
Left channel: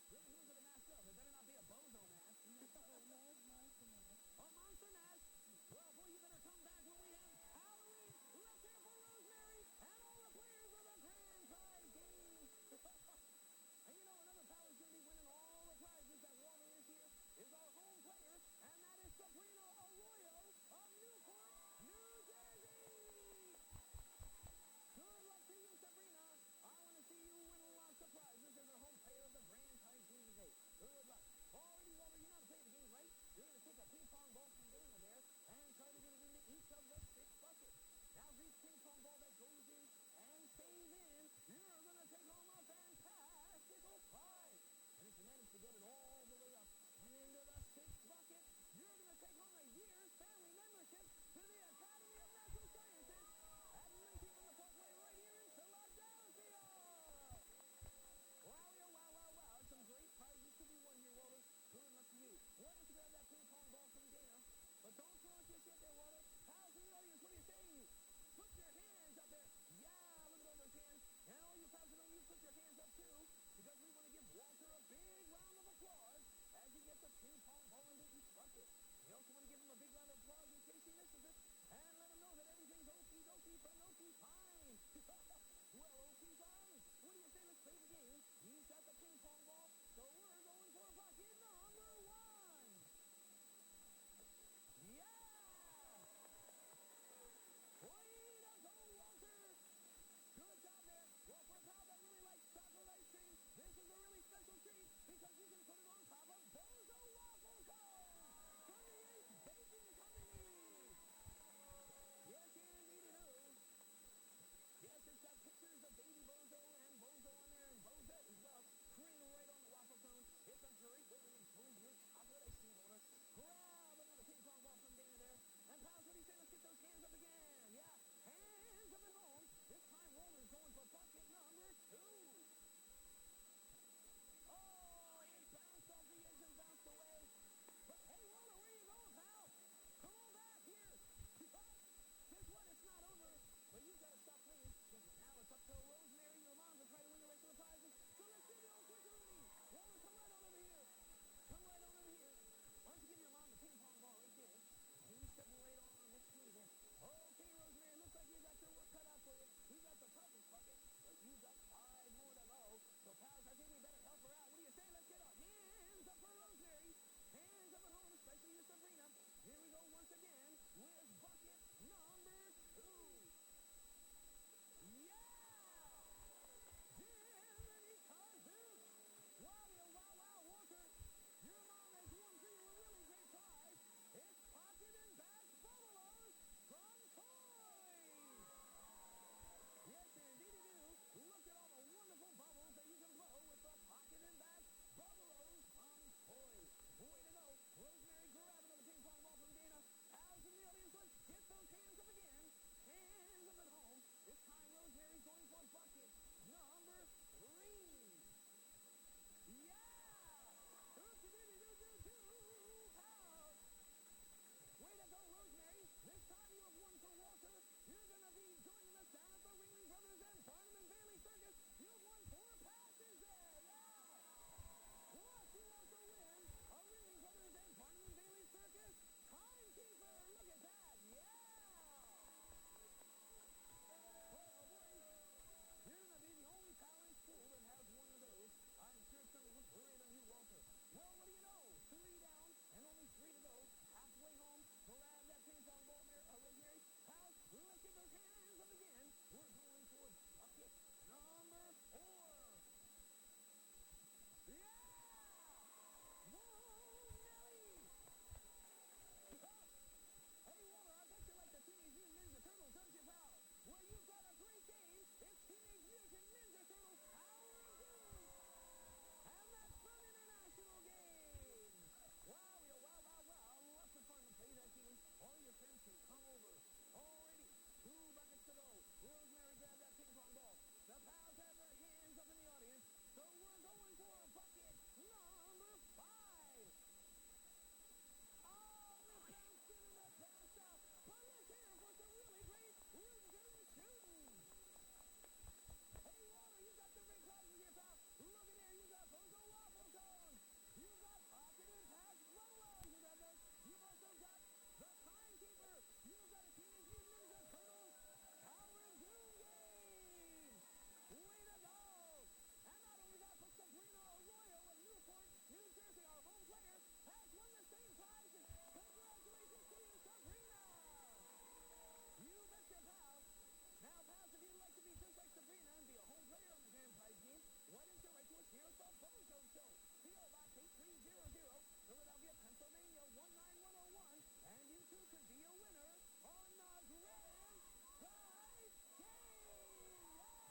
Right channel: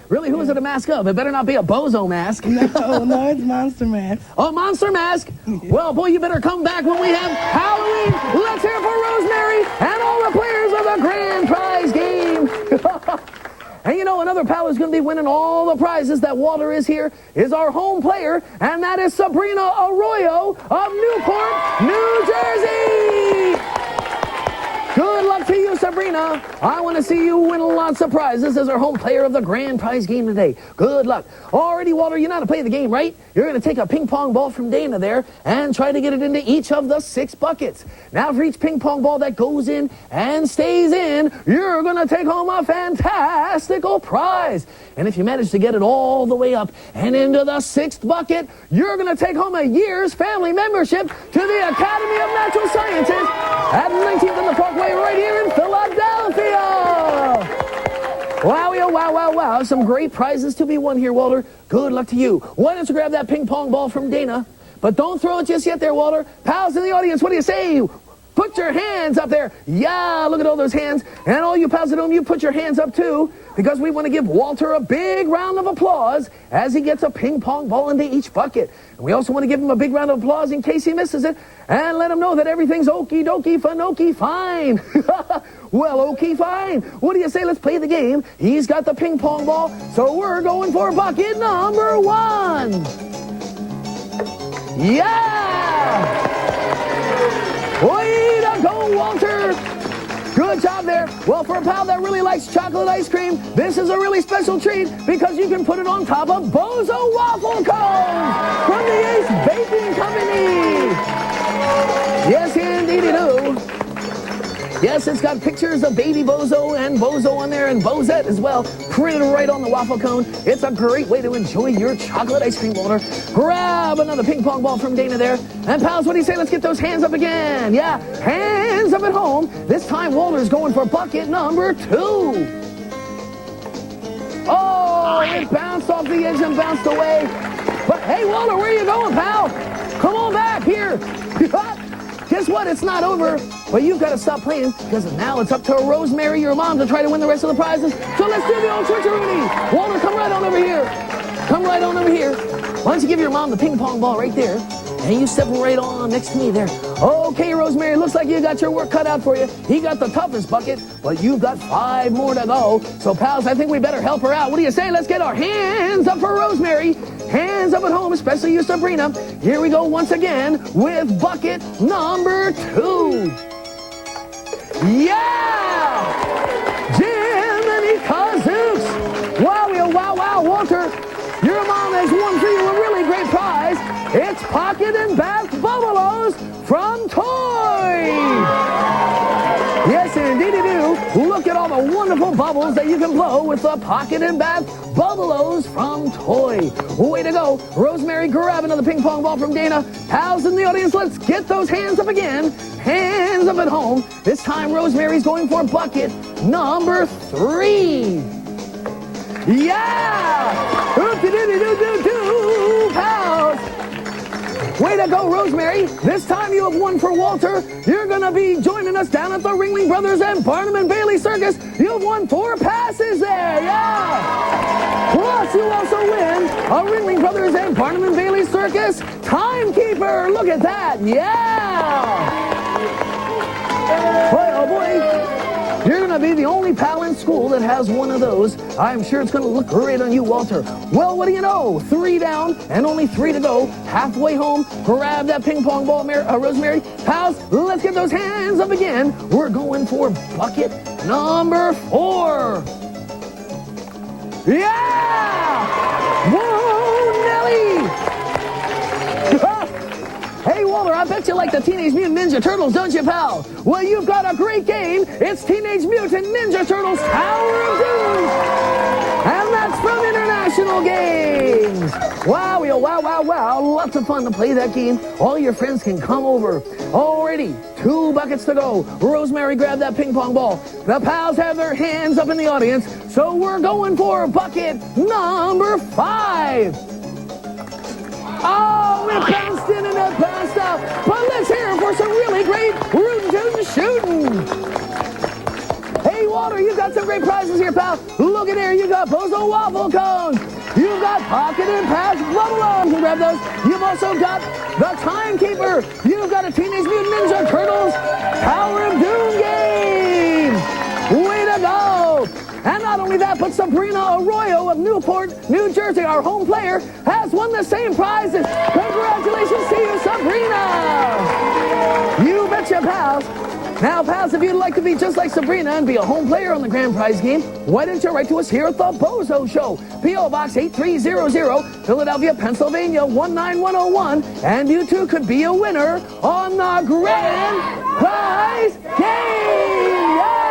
Really, who is it a mask of? It better not be a bozo mask. No, it's Monster Mask. Oh, Monster Mask? Well, boy, you better come back when we have Halloween. Let's hear it for Rosemary and all the players of the grand prize game. And you know, another pal who's going to be winning all the prizes that Walter is here is our home player, and that is Sabrina Arroyo of Newport, New Jersey. Good luck to you, Sabrina. I want to see you win lots of prizes as our home player of the grand prize game today. Good luck. Alrighty, Walter, you know how to play the game, right? You're going to take a ping pong ball from Dana there and try to get it into each of the 6 buckets. Now, for each ping pong ball that goes in and stays in, you're going to take home a fantastical prize. And if you manage to get it all the way up and into the 6th bucket, you're going to take home a year's family membership to the Academy of Natural Sciences at 19th and the Parkway right here in Philadelphia. Wow, wow, wow, wow. Some great prizes to be won here, Walter. Good luck to you. Why don't you grab that ping pong ball from Dana? But don't throw it just yet there, Walter. Pals in the audience, what do you say? Put your hands up there. Yeah, look at all those hands. And all you pals at home, you put your hands up too, because we want to give Walter a big round of applause as he gets a ping pong ball into each bucket. And we also want to give him a big round of applause in case he misses it, and let him know that everything's okie dokie, fanokie, fine. Well, okay, fine. What do you say? Let's play the game. He's got the ping pong ball, so we're going for bucket number 1. Yeah! Way to go, Walter! Good job there. Well, for a pal that really likes chocolate ice cream, this is a really special treat because you can put it on top of BOZO waffle cones from the Ace Baking Company. Yes, indeed it do. Yes, it's got pictures of baby Bozo and Bozo on there, and Bozette as well, printed right on the waffle cone. It's a great way to enjoy your chocolate ice cream, Walter. Grab another ping pong ball from Dana there. And pals, what do you say? Let's get those hands up again. Yeah, hands up at home. This time, Walter's going for bucket number 2. Oh, it bounced off the edge and bounced away. But hey, Walter, where are you going, pal? Come on back here. Guess what? It's not over, but you've got to stop playing because now it's up to Rosemary, your mom, to try to win the rest of the prizes. So let's do the old switcheroonie. Walter, come right on over here. Come right on over here. Why don't you give your mom the ping pong ball right there, and you step right on next to me there. Okay, Rosemary, looks like you got your work cut out for you. He got the toughest bucket, but you've got 5 more to go. So, pals, I think we better help her out. What do you say? Let's get our hands up for Rosemary. Hands up at home, especially you, Sabrina. Here we go once again with bucket number 2. Yeah! Jiminy Kazooks! Wow, wow, wow, Walter. Your mom has won for you a really great prize. It's Pocket and Bath Bubbalos from Toy. Yes, indeed you do. Look at all the wonderful bubbles that you can blow with the Pocket and Bath Bubbalos from Toy. Way to go. Rosemary, grab another ping pong ball from Dana. Pals in the audience, let's get those hands up again. Hands up at home. This time, Rosemary's going for bucket number 3. Yeah! Oop-de-doo-doo-doo-doo, pals! Way to go, Rosemary. This time you have won for Walter. You're going to be joining us down at the Ringling Brothers and Barnum and Bailey Circus. You've won 4 passes there, yeah! Plus, you also win a Ringling Brothers and Barnum and Bailey Circus timekeeper. Look at that, yeah! Boy, oh boy. You're going to be the only pal in school that has one of those. I'm sure it's going to look great on you, Walter. Well, what do you know? 3 down and only 3 to go. Halfway home, grab that ping pong ball, Rosemary. Pals, let's get those hands up again. We're going for bucket number 4. Yeah! Whoa, Nelly! Hey, Walter, I bet you like the Teenage Mutant Ninja Turtles, don't you, pal? Well, you've got a great game. It's Teenage Mutant Ninja Turtles Tower of Doom. And that's from International Games. Wow, wow, wow, wow. Lots of fun to play that game. All your friends can come over. Alrighty, 2 buckets to go. Rosemary, grab that ping pong ball. The pals have their hands up in the audience, so we're going for bucket number 5. Oh, it bounced in and it bounced out. But let's hear it for some really great rootin' tootin' shooting. Hey, Walter, you got some great prizes here, pal. Look at here, you got BOZO waffle cones. You've got pocket and pass bubble. You can grab those. You've also got the Timekeeper. You've got a Teenage Mutant Ninja Turtles Tower of Doom game. Way to go. And not only that, but Sabrina Arroyo of Newport, New Jersey, our home player, has won the same prizes. Congratulations to you, Sabrina. You betcha, pals. Now, pals, if you'd like to be just like Sabrina and be a home player on the grand prize game, why don't you write to us here at the Bozo Show? P.O. Box 8300, Philadelphia, Pennsylvania, 19101. And you too could be a winner on the grand prize game. Yeah!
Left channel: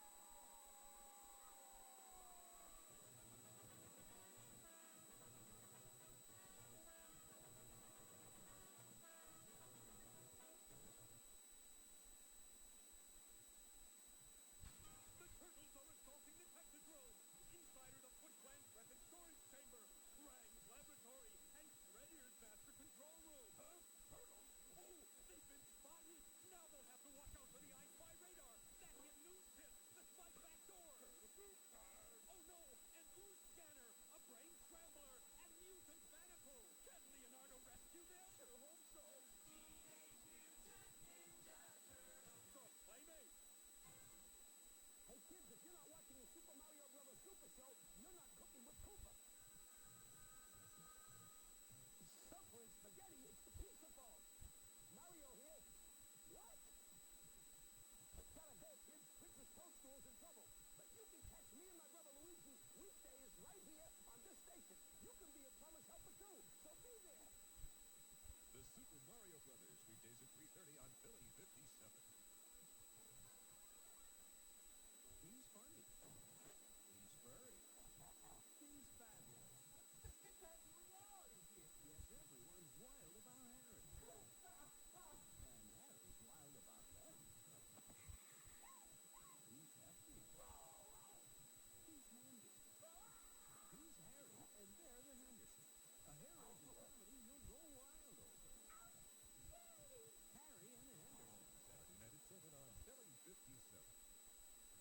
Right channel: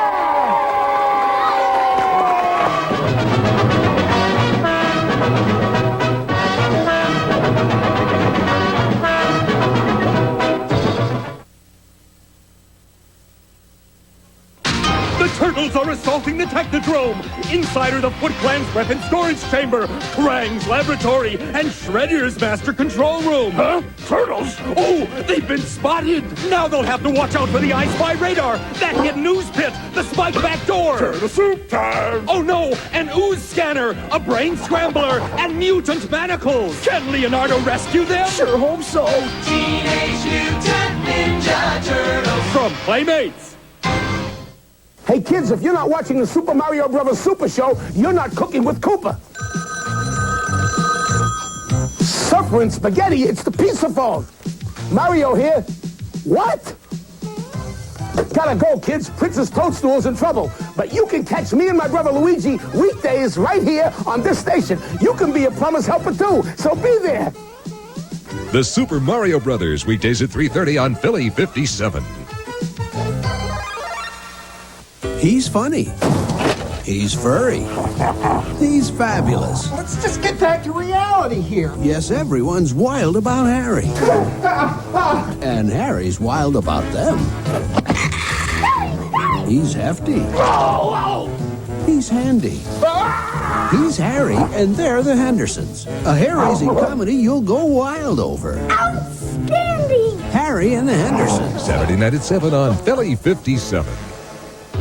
Turtles are assaulting the Technodrome. Inside are the Foot Clan's weapon storage chamber, Krang's laboratory, and Shredder's master control room. Huh? Turtles? Oh, they've been spotted. Now they'll have to watch out for the I Spy radar, that hidden news pit, the spike back door. Turtle soup time. Oh no, an ooze scanner, a brain scrambler, and mutant manacles. Can Leonardo rescue them? Sure hope so. Teenage Mutant Ninja Turtles. From Playmates. Hey, kids, if you're not watching the Super Mario Brothers Super Show, you're not cooking with Koopa. Suffering spaghetti, it's the pizza phone. Mario here. What? Gotta go, kids. Princess Toadstool's in trouble. But you can catch me and my brother Luigi weekdays right here on this station. You can be a plumber's helper, too, so be there. The Super Mario Brothers, weekdays at 3:30 on Philly 57. He's funny. He's furry. He's fabulous. Let's just get back to reality here. Yes, everyone's wild about Harry. And Harry's wild about them. He's hefty. He's handy. He's Harry, and they're the Hendersons. A hair-raising comedy you'll go wild over. Outstanding! Harry and the Hendersons. Saturday night at 7 on Philly 57.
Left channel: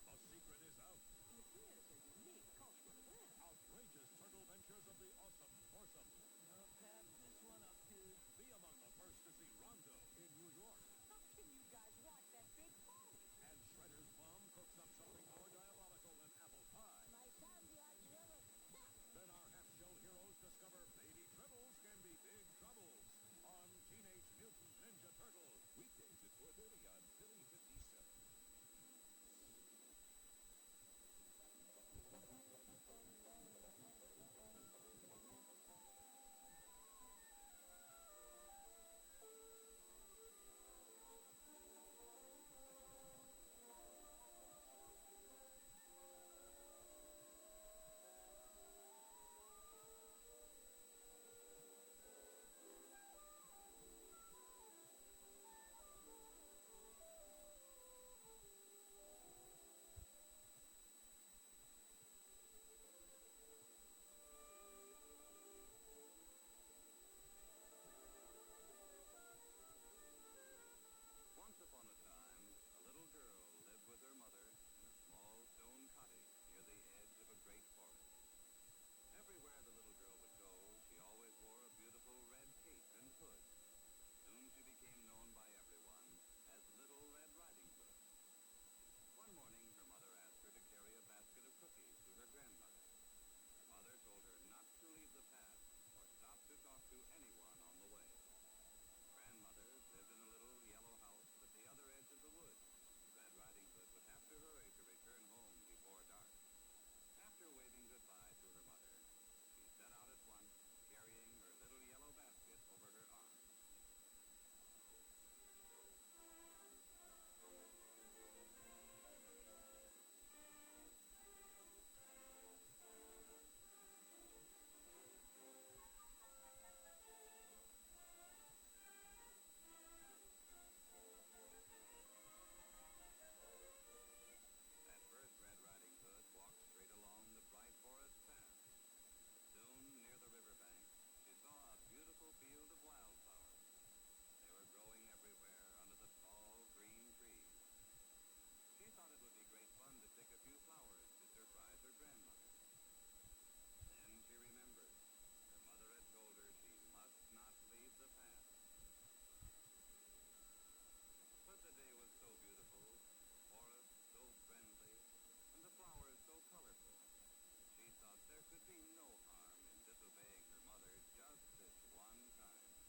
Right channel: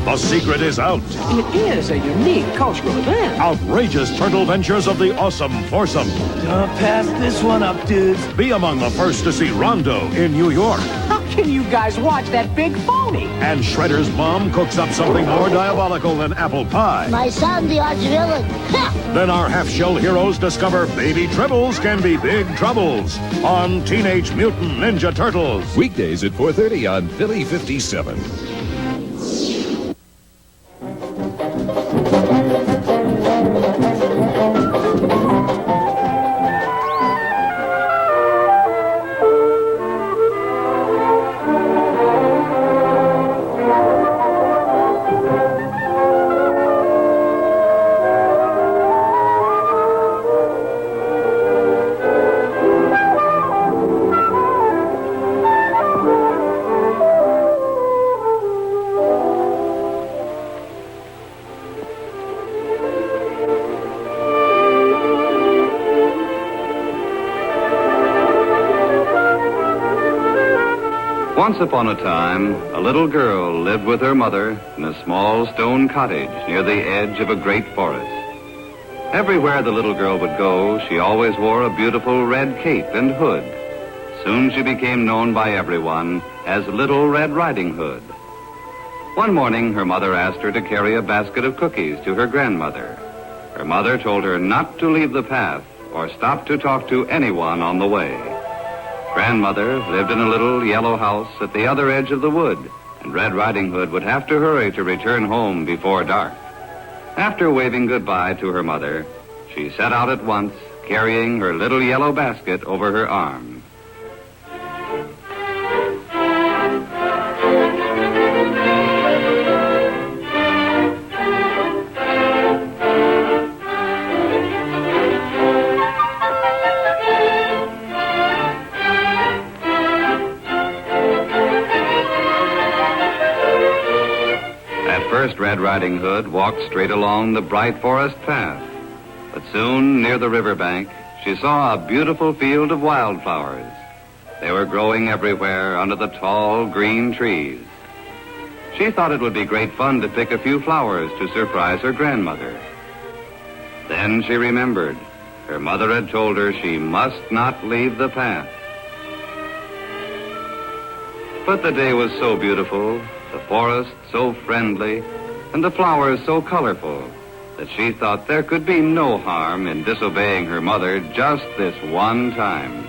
The secret is out. It is a unique cultural event. Outrageous turtle ventures of the awesome foursome. Don't pass this one up, dudes. Be among the first to see Rondo in New York. How can you guys watch that big phony? And Shredder's mom cooks up something more diabolical than apple pie. My son, the arch-villain. Then our half-shell heroes discover baby tribbles can be big troubles on Teenage Mutant Ninja Turtles. Weekdays at 4:30 on Philly 57. Once upon a time, a little girl lived with her mother in a small stone cottage near the edge of a great forest. Everywhere the little girl would go, she always wore a beautiful red cape and hood. Soon she became known by everyone as Little Red Riding Hood. One morning, her mother asked her to carry a basket of cookies to her grandmother. Her mother told her not to leave the path or stop to talk to anyone on the way. Grandmother lived in a little yellow house at the other edge of the wood, and Red Riding Hood would have to hurry to return home before dark. After waving goodbye to her mother, she set out at once, carrying her little yellow basket over her arm. At first, Red Riding Hood walked straight along the bright forest path. But soon, near the riverbank, she saw a beautiful field of wildflowers. They were growing everywhere under the tall green trees. She thought it would be great fun to pick a few flowers to surprise her grandmother. Then she remembered. Her mother had told her she must not leave the path. But the day was so beautiful, the forest so friendly, and the flowers so colorful, that she thought there could be no harm in disobeying her mother just this one time.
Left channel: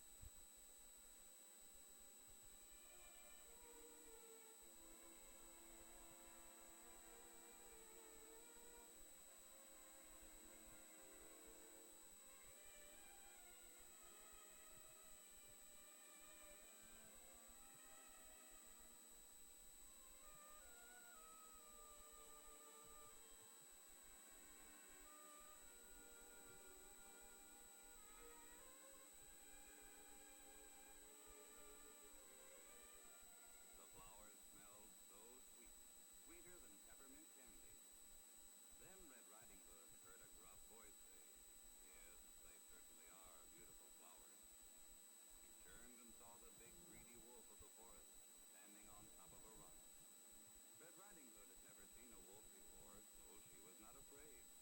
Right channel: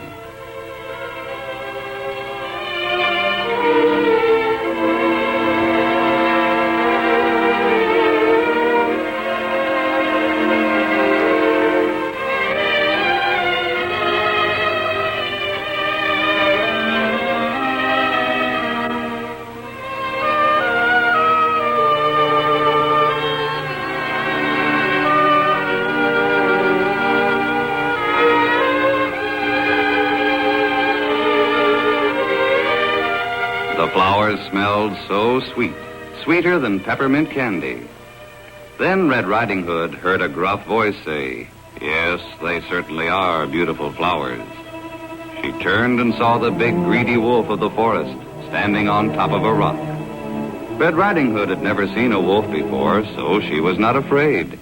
The flowers smelled so sweet, sweeter than peppermint candy. Then Red Riding Hood heard a gruff voice say, "Yes, they certainly are beautiful flowers." She turned and saw the big greedy wolf of the forest standing on top of a rock. Red Riding Hood had never seen a wolf before, so she was not afraid.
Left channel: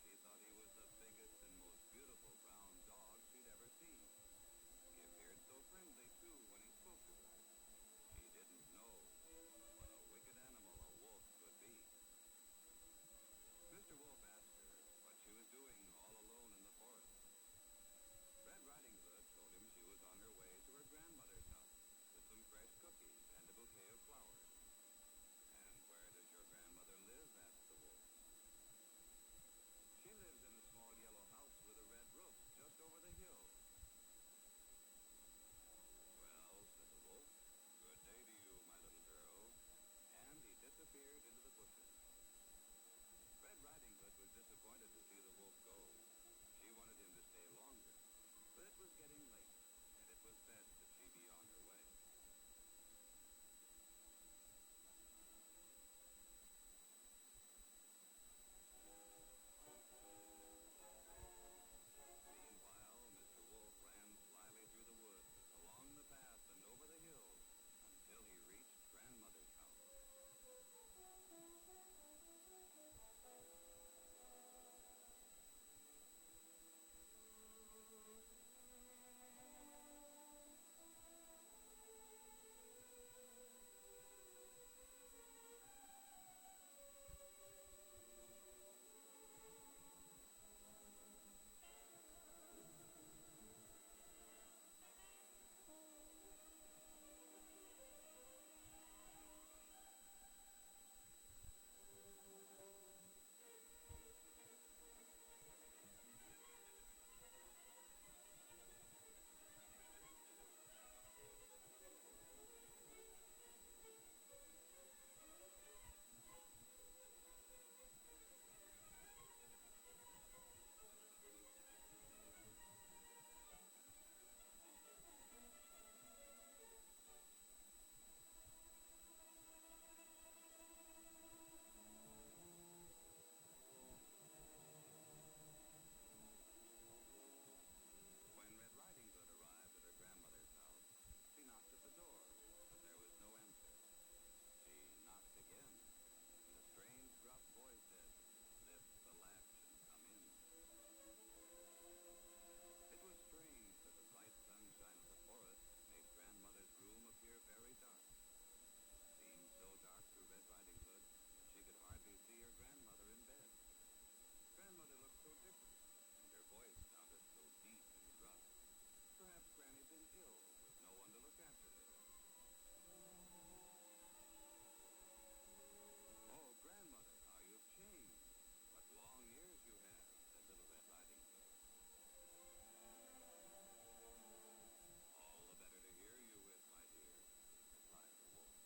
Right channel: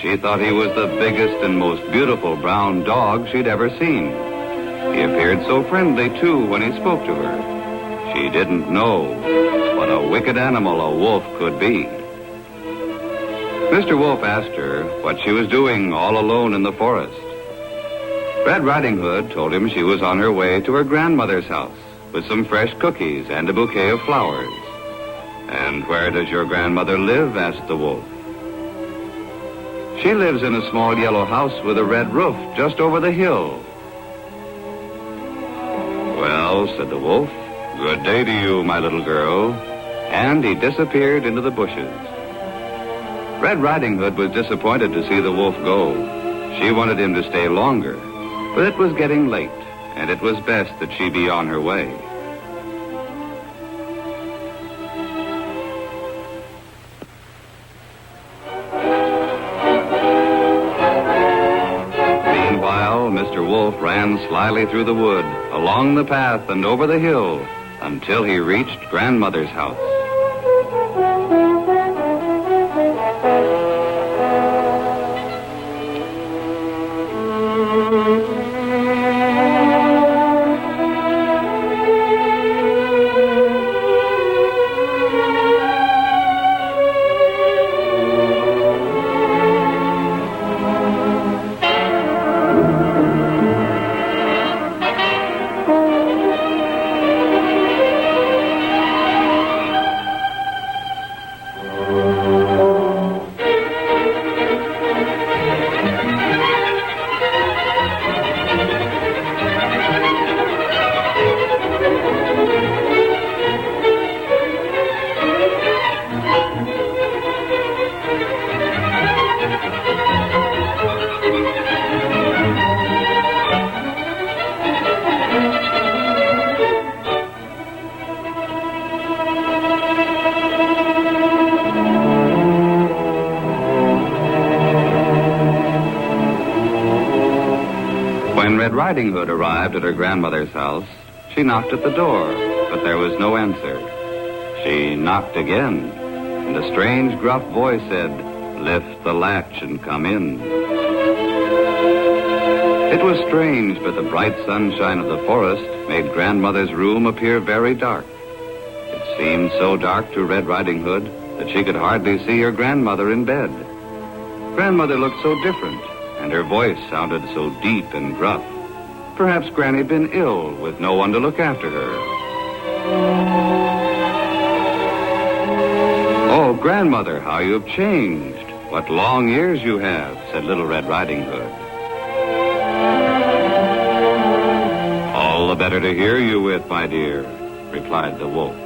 She thought he was the biggest and most beautiful brown dog she'd ever seen. He appeared so friendly, too, when he spoke to her. She didn't know what a wicked animal a wolf could be. Mr. Wolf asked her what she was doing all alone in the forest. Red Riding Hood told him she was on her way to her grandmother's house with some fresh cookies and a bouquet of flowers. "And where does your grandmother live?" asked the wolf. "She lives in a small yellow house with a red roof just over the hill." "Well," said the wolf, "good day to you, my little girl." And he disappeared into the bushes. Red Riding Hood was disappointed to see the wolf go. She wanted him to stay longer, but it was getting late, and it was best that she be on her way. Meanwhile, Mr. Wolf ran slyly through the wood, along the path and over the hill, until he reached Grandmother's house. When Red Riding Hood arrived at her grandmother's house, she knocked at the door, but there was no answer. She knocked again, and a strange, gruff voice said, "Lift the latch and come in." It was strange, but the bright sunshine of the forest made Grandmother's room appear very dark. It seemed so dark to Red Riding Hood that she could hardly see her grandmother in bed. Grandmother looked so different, and her voice sounded so deep and gruff. Perhaps Granny'd been ill with no one to look after her. "Oh, Grandmother, how you've changed. What long ears you have," said Little Red Riding Hood. "All the better to hear you with, my dear," replied the wolf.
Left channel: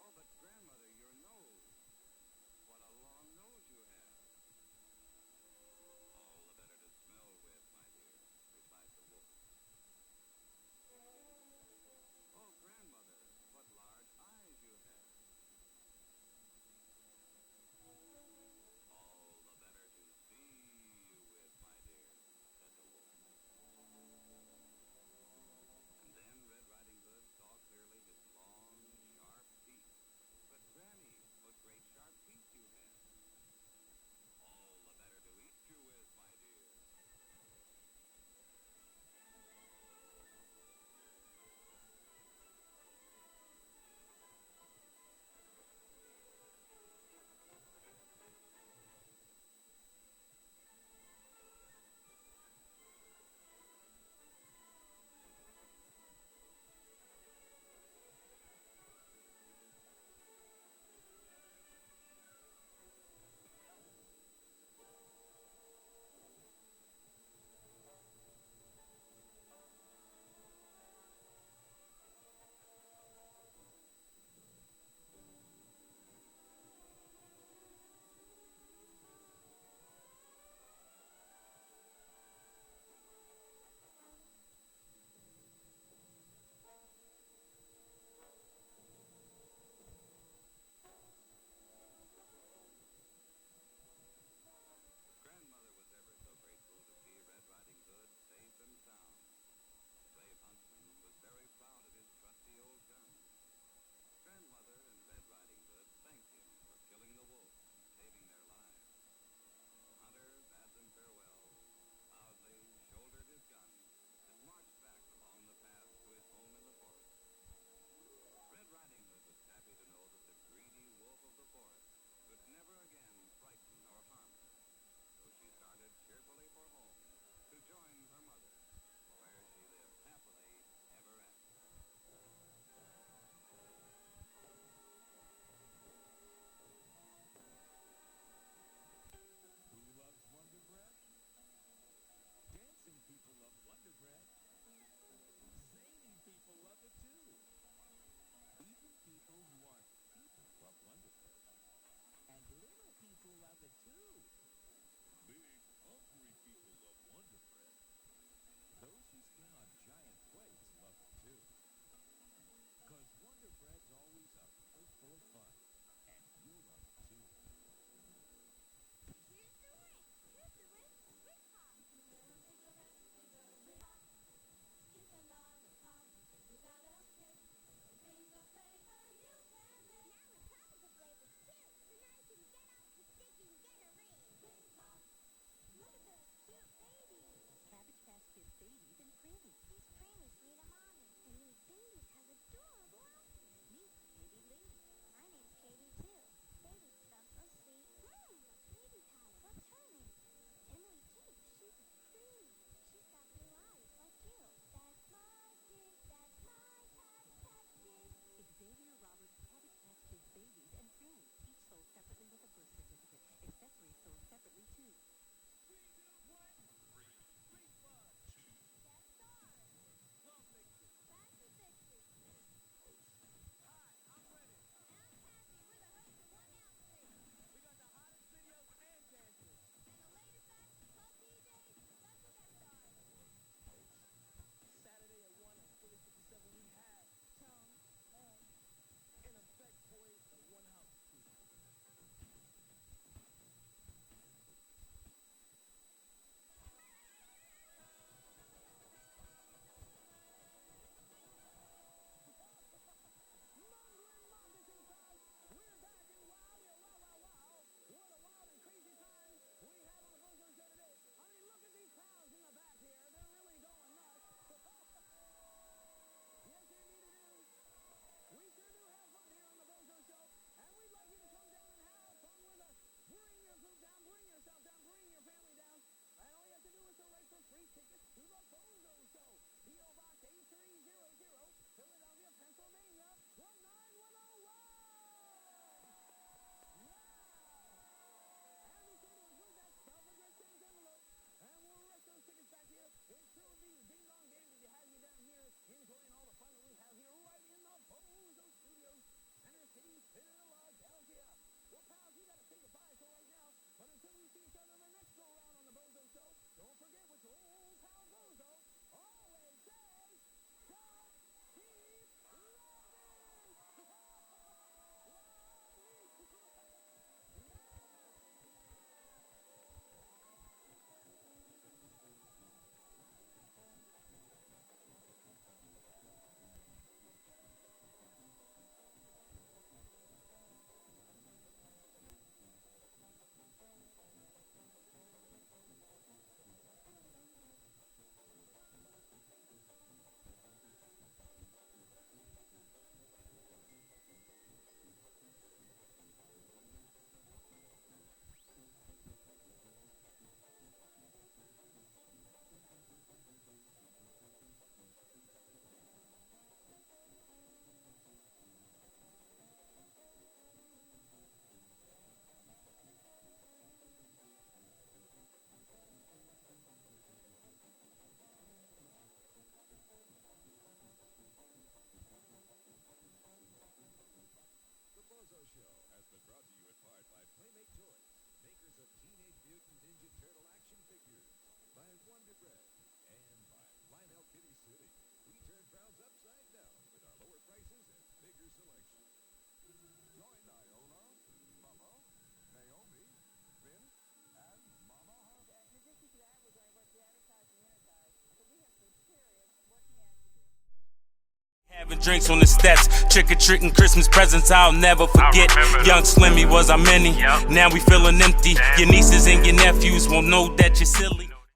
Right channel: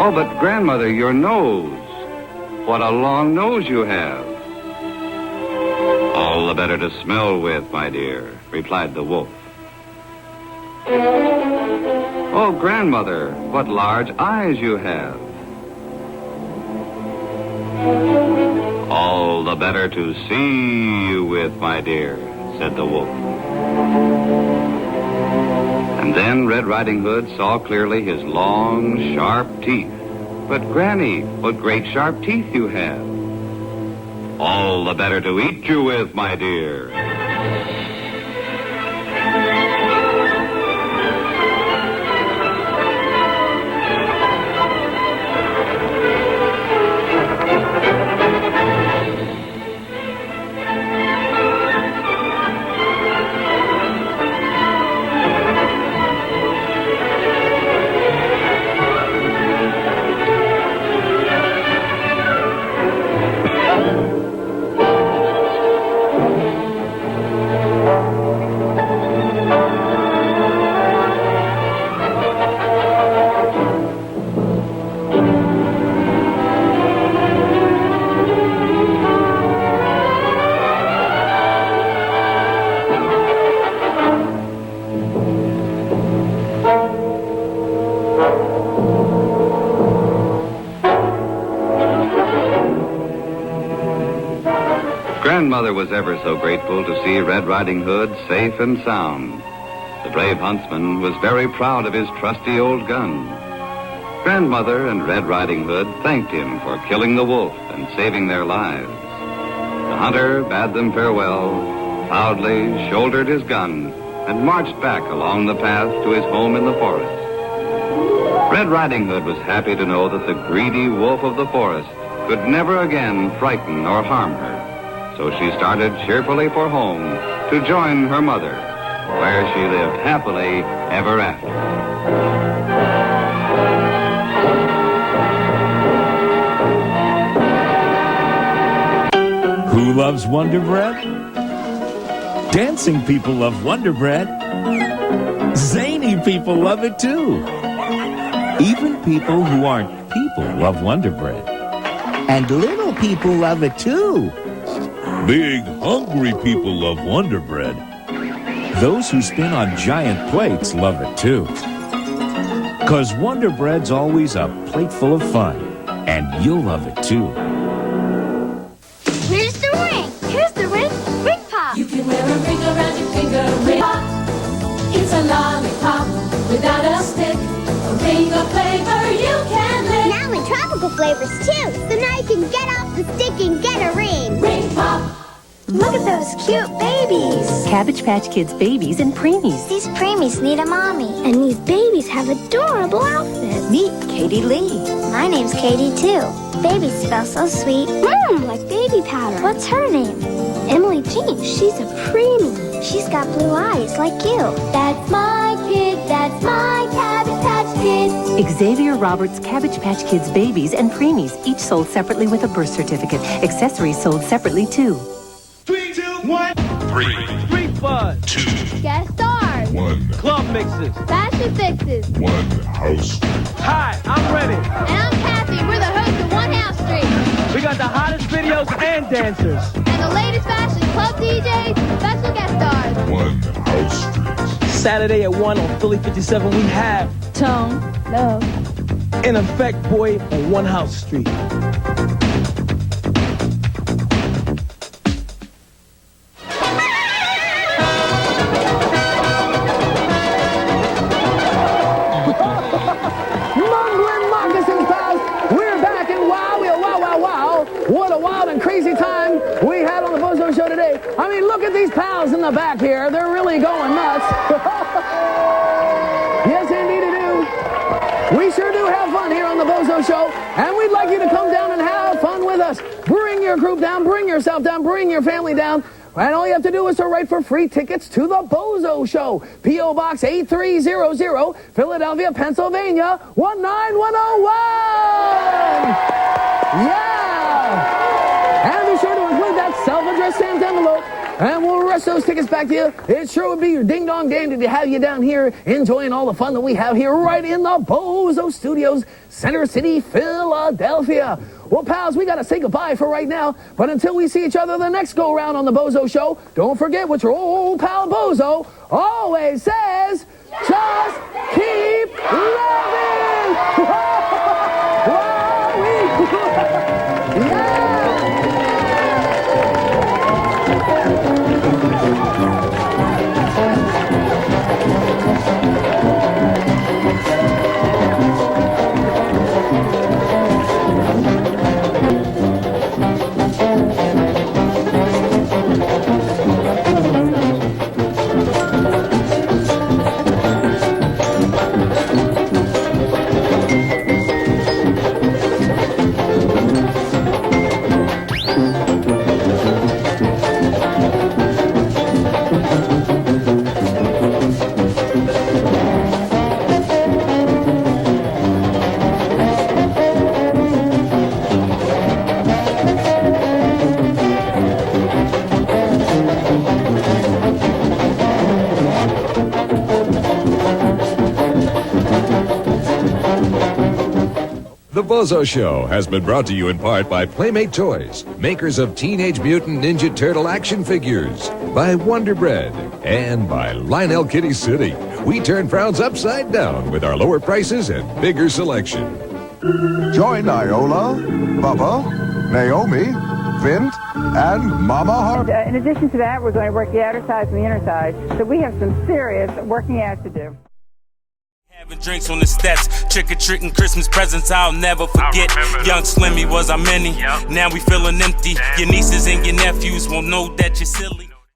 "Oh, but Grandmother, your nose. What a long nose you have." "All the better to smell with, my dear," replied the wolf. "Oh, Grandmother, what large eyes you have. All the better to see you with, my dear, said the wolf. And then Red Riding Hood saw clearly his long, sharp teeth. But, Granny, what great sharp teeth you have. All the better to eat you with, my dear. Grandmother was ever so grateful to see Red Riding Hood safe and sound. The brave huntsman was very proud of his trusty old gun. Grandmother and Red Riding Hood thanked him for killing the wolf and saving their lives. The hunter bade them farewell, proudly shouldered his gun, and marched back along the path to his home in the forest. Red Riding Hood was happy to know that the greedy wolf of the forest could never again frighten or harm her. So she started cheerfully for home to join her mother, where she lived happily ever after. Who loves Wonder Bread? Dancing people love Wonder Bread. Zany people love it too. Even people who aren't people love Wonder Bread. And little people love it too. Big, hungry people love Wonder Bread. Those who spin on giant plates love it too. 'Cause Wonder Bread's always a plate full of fun. And you'll love it too. Here's the ring. Here's the ring. Ring pop. You can wear a ring around your finger. Ring pop. It's a lollipop without a stick. A ring of flavor you can lick. Now in tropical flavors too. So now you can get off the stick and get a ring. Ring pop. Look at those cute babies. Cabbage Patch Kids babies and preemies. These preemies need a mommy. And these babies have adorable outfits. Meet Katie Lee. My name's Katie too. Babies smell so sweet. Like baby powder. What's her name? Emily Jean. She's a preemie. She's got blue eyes like you. That's my kid. That's my Cabbage Patch Kid. Xavier Roberts' Cabbage Patch Kids babies and preemies, each sold separately with a birth certificate. Accessories sold separately too. 3, 2, 1. 3, Street Fun. 2, Guest stars. 1, Club Mixes. Fashion fixes. 1 house. Hi, I'm Ready. And I'm Kathy. We're the hosts of One House Street. We got the hottest videos and dancers. And the latest fashion club DJs, special guest stars. 1 house street. Saturday at 1 on Philly 57, we have Tone, Love. In Effect Boy on One House Street. Mumbling moccasins, pals. We're back and wow, what a wild and crazy time we had on the Bozo Show today. I mean, look at these pals in the back here. They're really going nuts. Yes, indeed they do. We sure do have fun here on the Bozo Show, and we'd like you to come down and have fun with us. Bring your group down, bring yourself down, bring your family down. And all you have to do is to write for free tickets to the Bozo Show. P.O. Box 8300, Philadelphia, Pennsylvania, 19101. Yeah! And be sure to include that self-addressed stamped envelope. And we'll rush those tickets back to you. It sure would be your ding-dong dandy to have you down here enjoying all the fun that we have here right in the Bozo Studios, Center City, Philadelphia. Well, pals, we got to say goodbye for right now. But until we see each other the next go-round on the Bozo Show, don't forget what your old pal Bozo always says, just keep loving! Yeah! The BOZO Show has been brought to you in part by Playmate Toys, makers of Teenage Mutant Ninja Turtle action figures, by Wonder Bread, and by Lionel Kitty City. We turn frowns upside down with our lower prices and bigger selection. Join Iola, Bubba, Naomi, Vint, and Mama Harp. In addition to that, we're going to work the outer sides and the inner sides. So we have some serious working out to do. Having drinks on the steps, trick-or-treating Christmas presents I'll never forget. Young Slimmy was our many, now we feeling empty. Your nieces and your nephews won't know that you're silly.